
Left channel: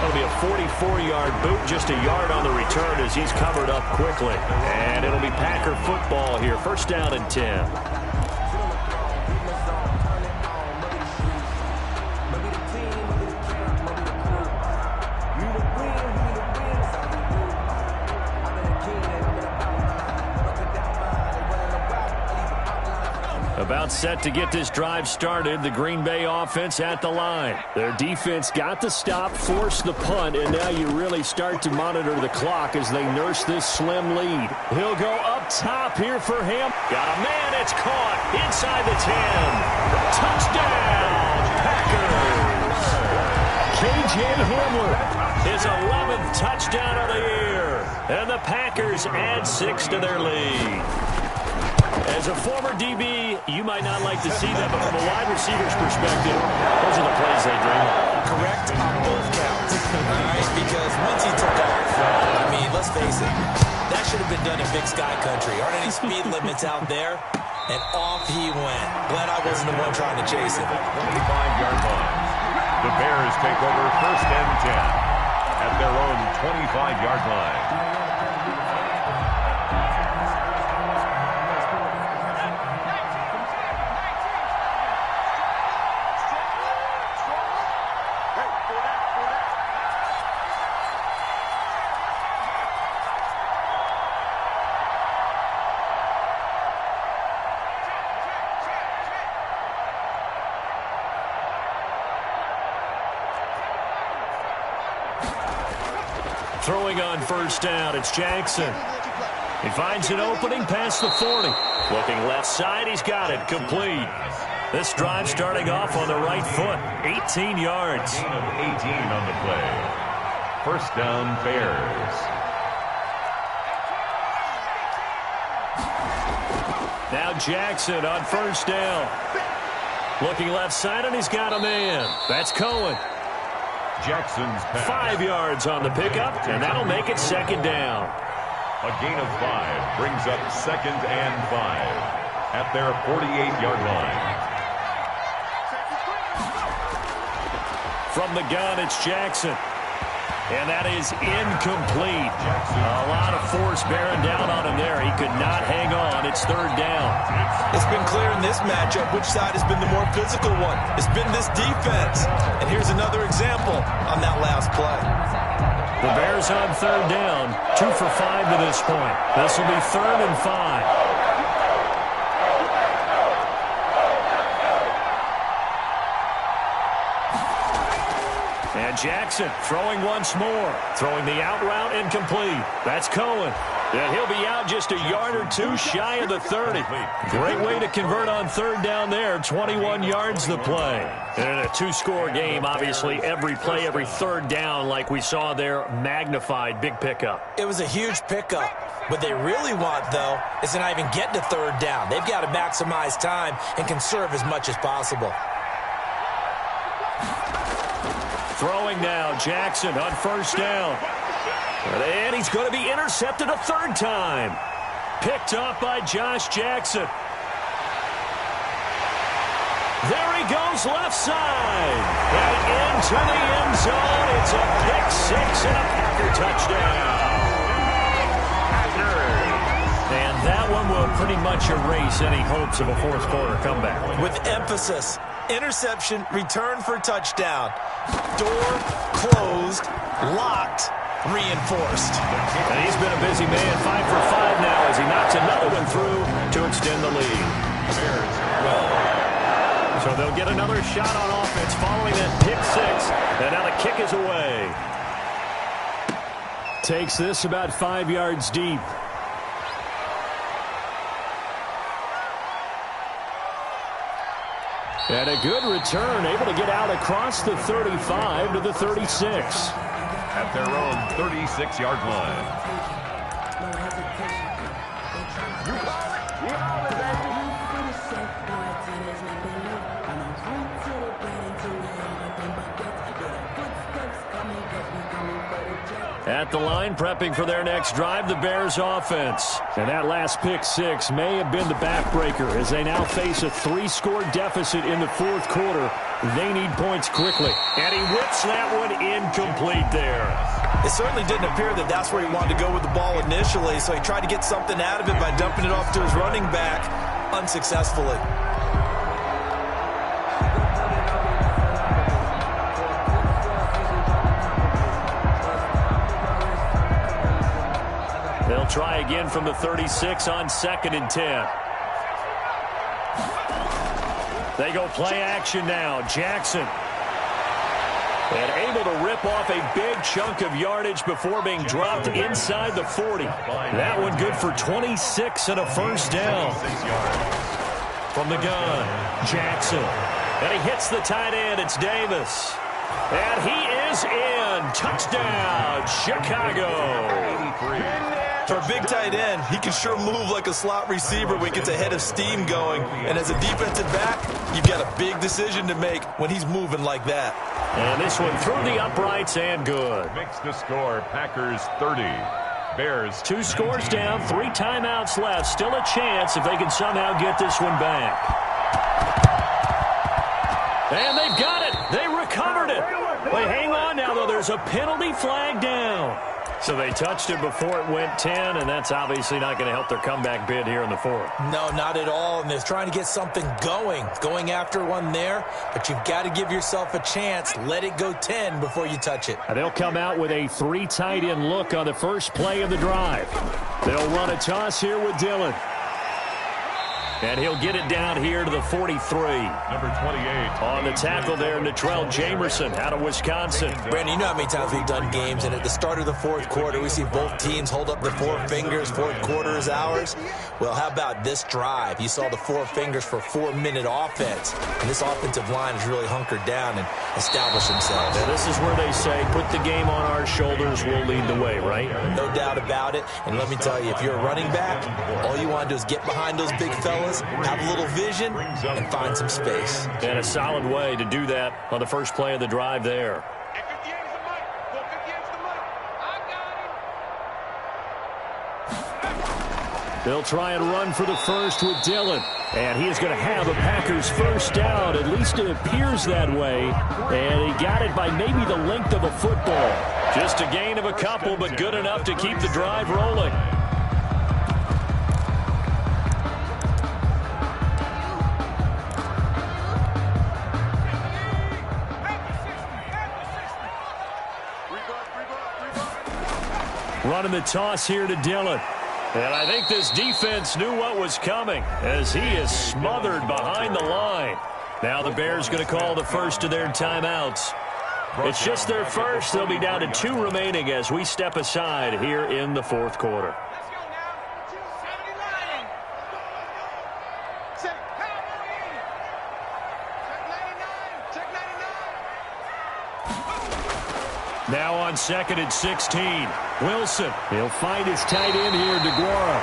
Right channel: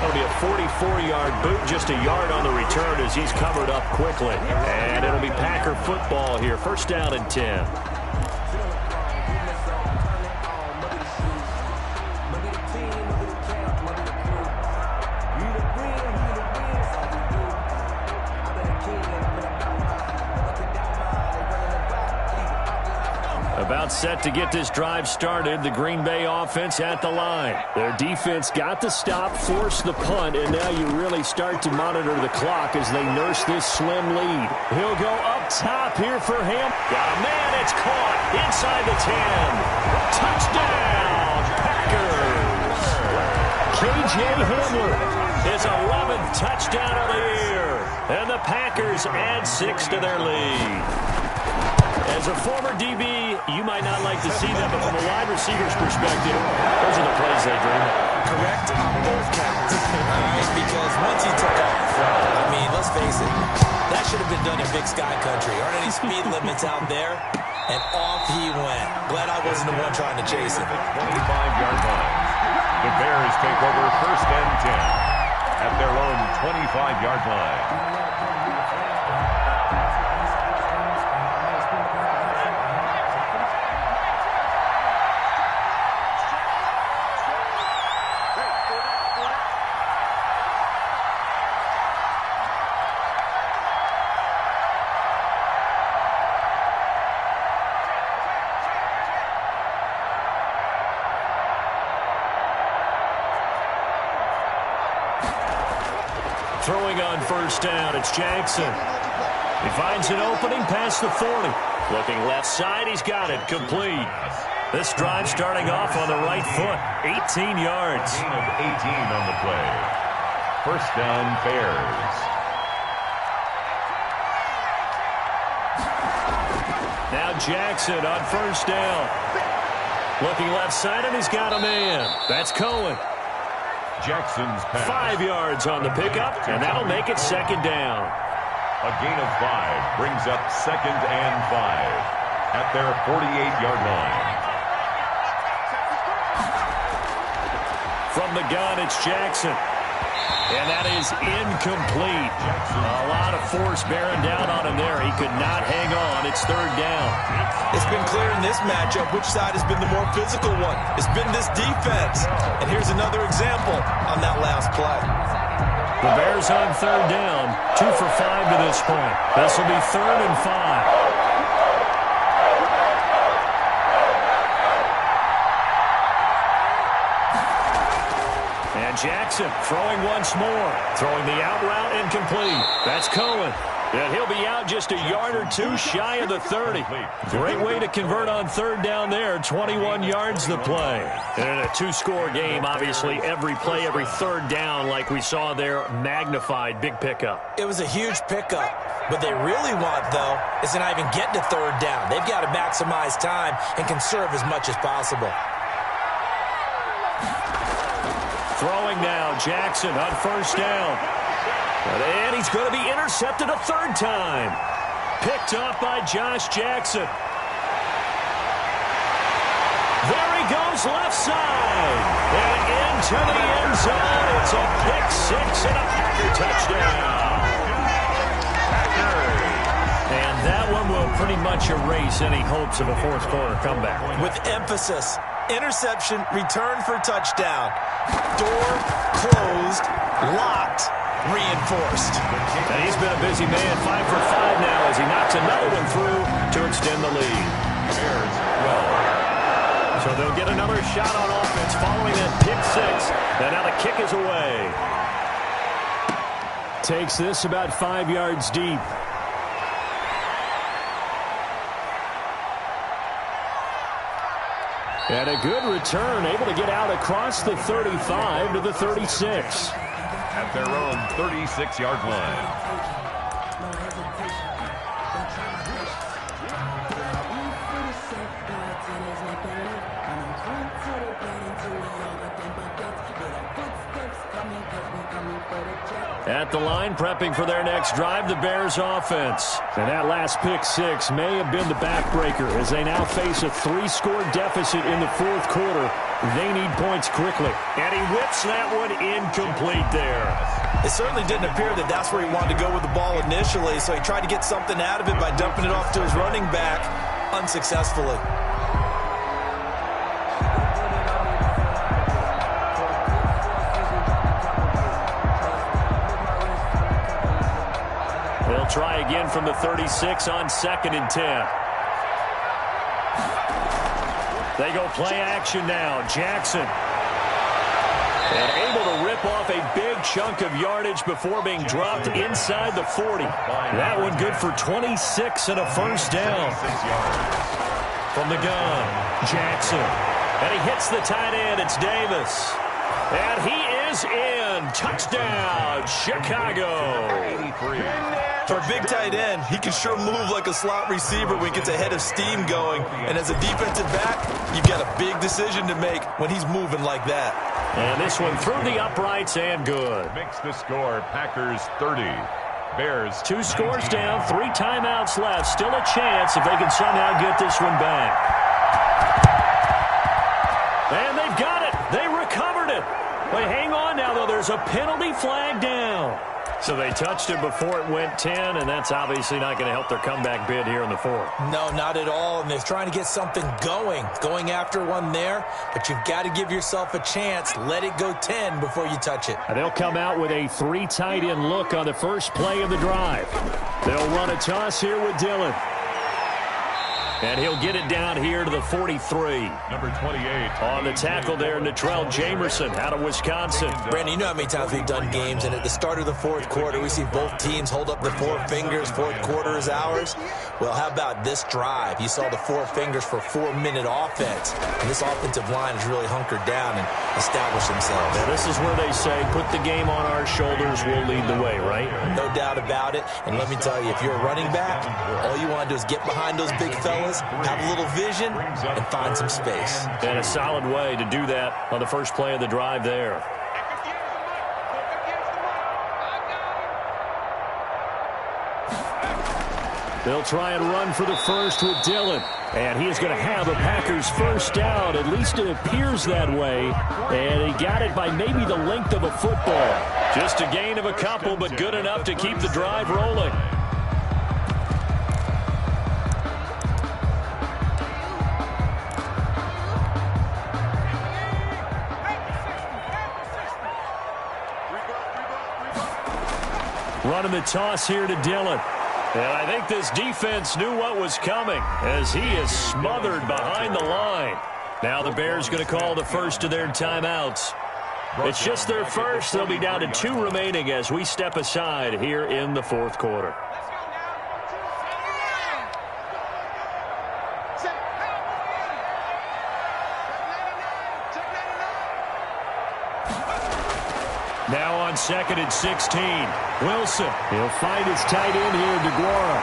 That'll be a 44-yard boot, just a yard on the return as he's covered up quickly. And it'll be Packer football here, first down and 10. About set to get this drive started. The Green Bay offense at the line. Their defense got the stop, forced the punt, and now you really start to monitor the clock as they nurse this slim lead. He'll go up top here for him. Got a man. It's caught inside the 10. Touchdown, Packers. KJ Hamler, his 11th touchdown of the year. And the Packers add 6 to their lead. As a former DB, you might not like to see that, but from a wide receiver's perspective, those are the plays they dream of. Correct on both counts. All right, because once he took off, I mean, let's face it, that should have been done in Big Sky Country. Aren't any speed limits out there? And off he went. Glad I wasn't the one trying to chase him. 25-yard line. The Bears take over first and 10 at their own 25-yard line. Throwing on first down, it's Jackson. He finds an opening past the 40. Looking left side, he's got it, complete. This drive starting off on the right foot, 18 yards. A gain of 18 on the play. First down, Bears. Now Jackson on first down. Looking left side, and he's got a man. That's Cohen. Jackson's pass. 5 yards on the pickup, and that'll make it second down. A gain of 5 brings up 2nd and 5 at their 48-yard line. From the gun, it's Jackson. And that is incomplete. A lot of force bearing down on him there. He could not hang on. It's third down. It's been clear in this matchup which side has been the more physical one. It's been this defense. And here's another example on that last play. The Bears on third down. 2 for 5 to this point. This will be 3rd and 5. And Jackson throwing once more. Throwing the out route incomplete. That's Cohen. And he'll be out just a yard or two shy of the 30. Great way to convert on third down there. 21 yards the play. And in a 2-score game, obviously, every play, every third down, like we saw there, magnified. Big pickup. It was a huge pickup. What they really want, though, is to not even get to third down. They've got to maximize time and conserve as much as possible. Throwing now, Jackson on first down. And he's going to be intercepted a third time. Picked off by Josh Jackson. There he goes left side. And into the end zone. It's a pick 6 and a Packer touchdown. Packers. And that one will pretty much erase any hopes of a fourth quarter comeback. With emphasis. Interception, return for touchdown. Door closed, locked, reinforced. And he's been a busy man, 5 for 5 now as he knocks another one through to extend the lead. Bears well. So they'll get another shot on offense following that pick 6. And now the kick is away. Takes this about 5 yards deep. And a good return, able to get out across the 35 to the 36. At their own 36-yard line. At the line, prepping for their next drive, the Bears offense. And that last pick 6 may have been the backbreaker as they now face a 3-score deficit in the fourth quarter. They need points quickly. And he whips that one incomplete there. It certainly didn't appear that that's where he wanted to go with the ball initially, so he tried to get something out of it by dumping it off to his running back unsuccessfully. They'll try again from the 36 on 2nd and 10. They go play action now. Jackson. And able to rip off a big chunk of yardage before being dropped inside the 40. That one good for 26 and a first down. From the gun, Jackson. And he hits the tight end. It's Davis. And he is in. Touchdown, Chicago. 83. For a big tight end, he can sure move like a slot receiver when he gets a head of steam going. And as a defensive back, you've got a big decision to make when he's moving like that. And this one through the uprights and good. Makes the score Packers 30. Bears 2 scores down, 3 timeouts left. Still a chance if they can somehow get this one back. And they've got it. They recovered it. But hang on now, though. There's a penalty flag down. So they touched it before it went 10, and that's obviously not going to help their comeback bid here in the fourth. No, not at all, and they're trying to get something going after one there, but you've got to give yourself a chance. Let it go 10 before you touch it. And they'll come out with a 3 tight end look on the first play of the drive. They'll run a toss here with Dillon. And he'll get it down here to the 43. Number 28. On the tackle there, Natrell Jamerson out of Wisconsin. Brandon, you know how many times we've done games, and at the start of the fourth quarter, we see both teams hold up the four fingers, fourth quarter is ours. Well, how about this drive? You saw the four fingers for 4-minute offense, and this offensive line has really hunkered down and established themselves. Yeah, this is where they say, put the game on our shoulders, we'll lead the way, right? No doubt about it, and let me tell you, if you're a running back, all you want to do is get behind those big fellas, have a little vision, and find some space. And a solid way to do that on the first play of the drive there. They'll try and run for the first with Dillon. And he is going to have a Packers first down. At least it appears that way. And he got it by maybe the length of a football. Just a gain of a couple, but good enough to keep the drive rolling. Running the toss here to Dillon. And I think this defense knew what was coming as he is smothered behind the line. Now the Bears going to call the first of their timeouts. It's just their first. They'll be down to 2 remaining as we step aside here in the fourth quarter. Now on 2nd and 16. Wilson. He'll find his tight end here, DeGuara.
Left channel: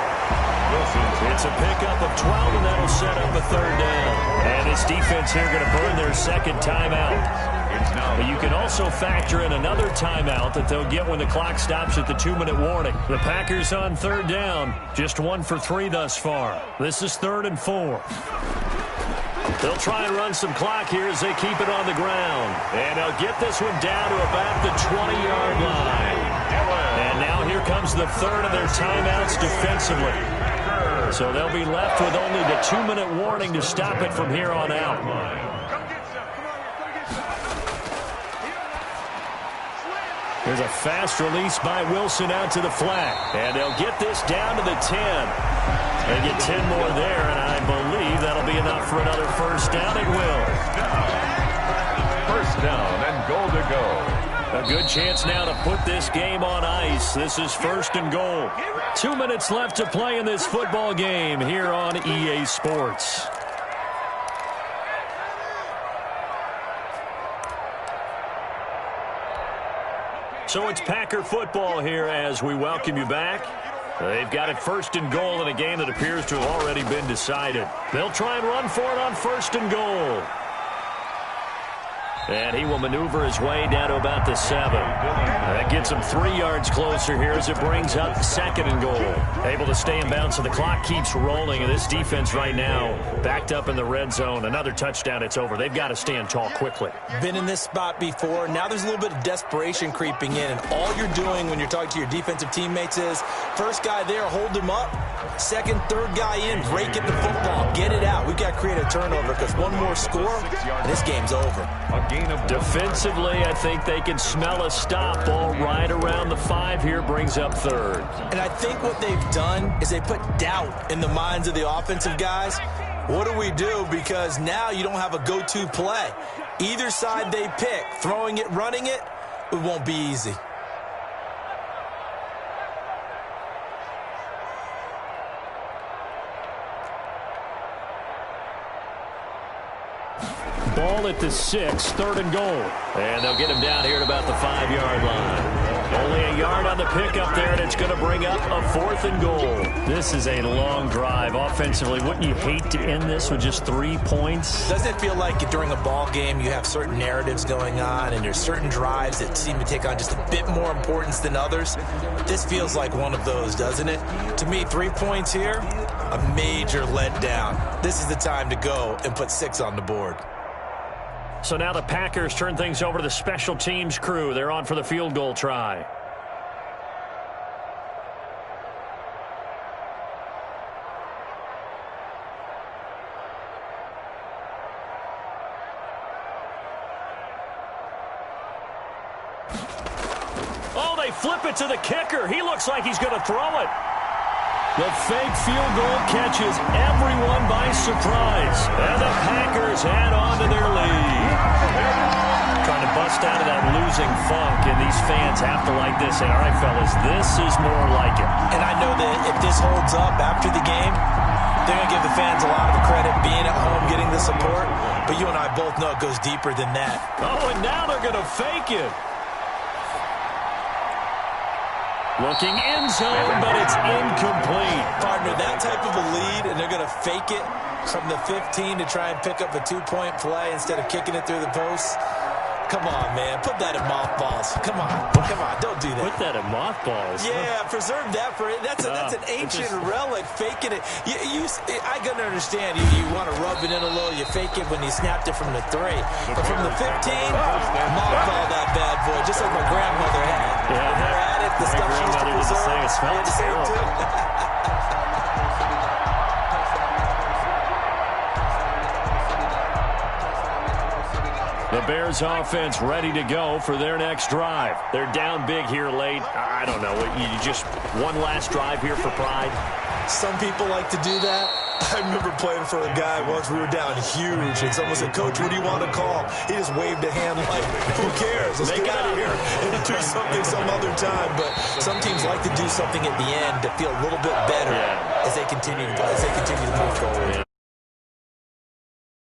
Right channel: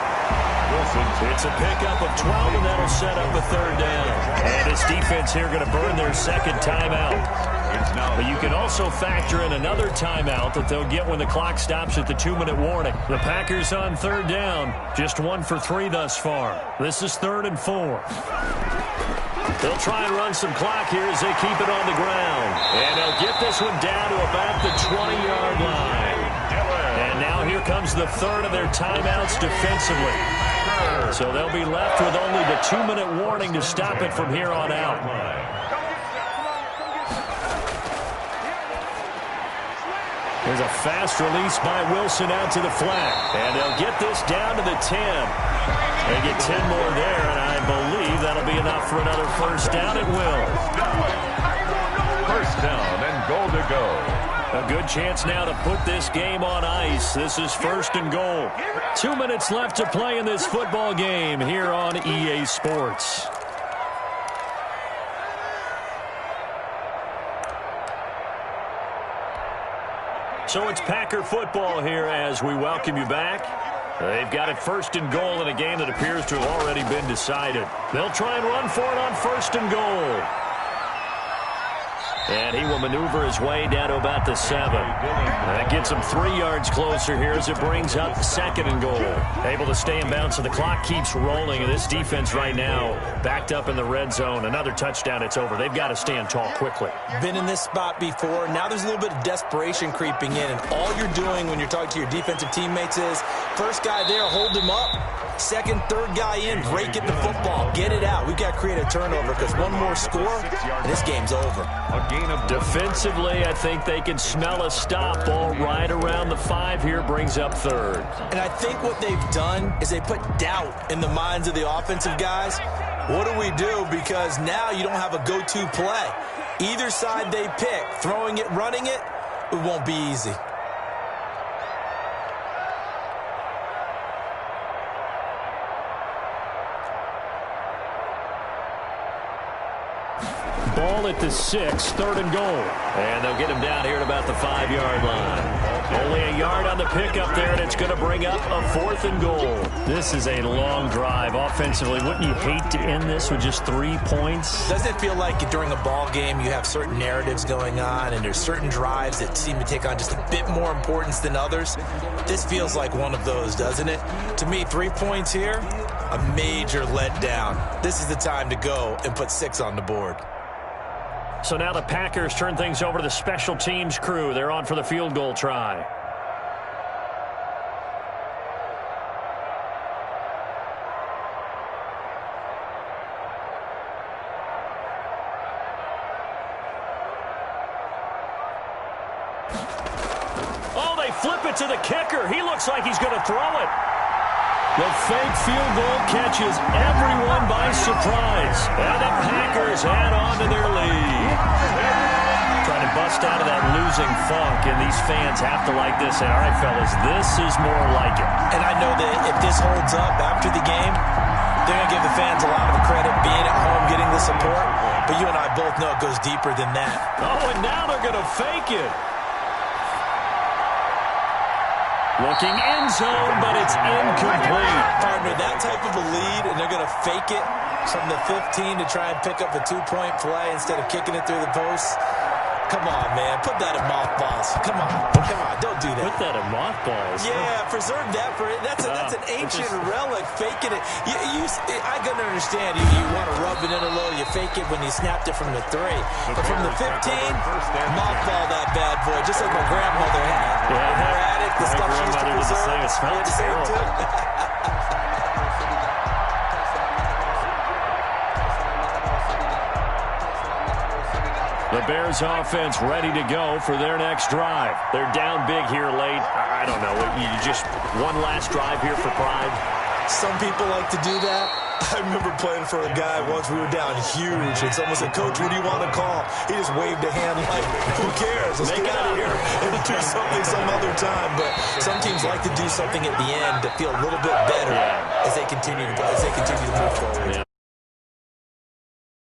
Wilson. It's a pickup of 12, and that'll set up a third down. And this defense here going to burn their second timeout. But you can also factor in another timeout that they'll get when the clock stops at the 2-minute warning. The Packers on third down. Just 1 for 3 thus far. This is 3rd and 4. They'll try and run some clock here as they keep it on the ground. And they'll get this one down to about the 20-yard line. And now here comes the third of their timeouts defensively. So they'll be left with only the 2-minute warning to stop it from here on out. Here's a fast release by Wilson out to the flat. And they'll get this down to the 10. They get 10 more there, and I believe that'll be enough for another first down. It will. First down and goal to go. A good chance now to put this game on ice. This is 1st and goal. 2 minutes left to play in this football game here on EA Sports. So it's Packer football here as we welcome you back. They've got it 1st and goal in a game that appears to have already been decided. They'll try and run for it on 1st and goal. And he will maneuver his way down to about the 7. That gets him 3 yards closer here as it brings up 2nd and goal. Able to stay in bounds, so the clock keeps rolling. And this defense right now backed up in the red zone. Another touchdown, it's over. They've got to stand tall quickly. Been in this spot before. Now there's a little bit of desperation creeping in. And all you're doing when you're talking to your defensive teammates is, first guy there, hold him up. Second, third guy in, break at the football. Get it out. We've got to create a turnover because one more score, and this game's over. Defensively, I think they can smell a stop. Ball right around the 5 here, brings up 3rd. And I think what they've done is they put doubt in the minds of the offensive guys. What do we do? Because now you don't have a go-to play. Either side they pick, throwing it, running it, it won't be easy. Ball at the 6, 3rd and goal. And they'll get him down here at about the 5-yard line. Only a yard on the pickup there, and it's going to bring up a 4th and goal. This is a long drive offensively. Wouldn't you hate to end this with just 3 points? Doesn't it feel like during a ball game you have certain narratives going on and there's certain drives that seem to take on just a bit more importance than others? This feels like one of those, doesn't it? To me, 3 points here, a major letdown. This is the time to go and put 6 on the board. So now the Packers turn things over to the special teams crew. They're on for the field goal try. Oh, they flip it to the kicker. He looks like he's going to throw it. The fake field goal catches everyone by surprise. And the Packers add on to their lead. Trying to bust out of that losing funk, and these fans have to like this. And all right, fellas, this is more like it. And I know that if this holds up after the game, they're going to give the fans a lot of credit being at home, getting the support. But you and I both know it goes deeper than that. Oh, and now they're going to fake it. Looking end zone, but it's incomplete. Partner, that type of a lead, and they're going to fake it from the 15 to try and pick up a 2-point play instead of kicking it through the post. Come on, man. Put that in mothballs. Come on. Come on. Don't do that. Put that in mothballs. Yeah, preserve that for it. That's an ancient relic, faking it. I can understand. You want to rub it in a little. You fake it when you snapped it from the 3. But from the 15, mothball that bad boy, just like my grandmother had. Yeah, in her attic, the stuff she used to preserve. It smelled terrible. The Bears offense ready to go for their next drive. They're down big here late. I don't know. You just one last drive here for pride? Some people like to do that. I remember playing for a guy once. We were down huge, and someone said, "Coach, what do you want to call?" He just waved a hand like, "Who cares? Let's get out of here and do something some other time." But some teams like to do something at the end to feel a little bit better as they continue to move forward. Yeah,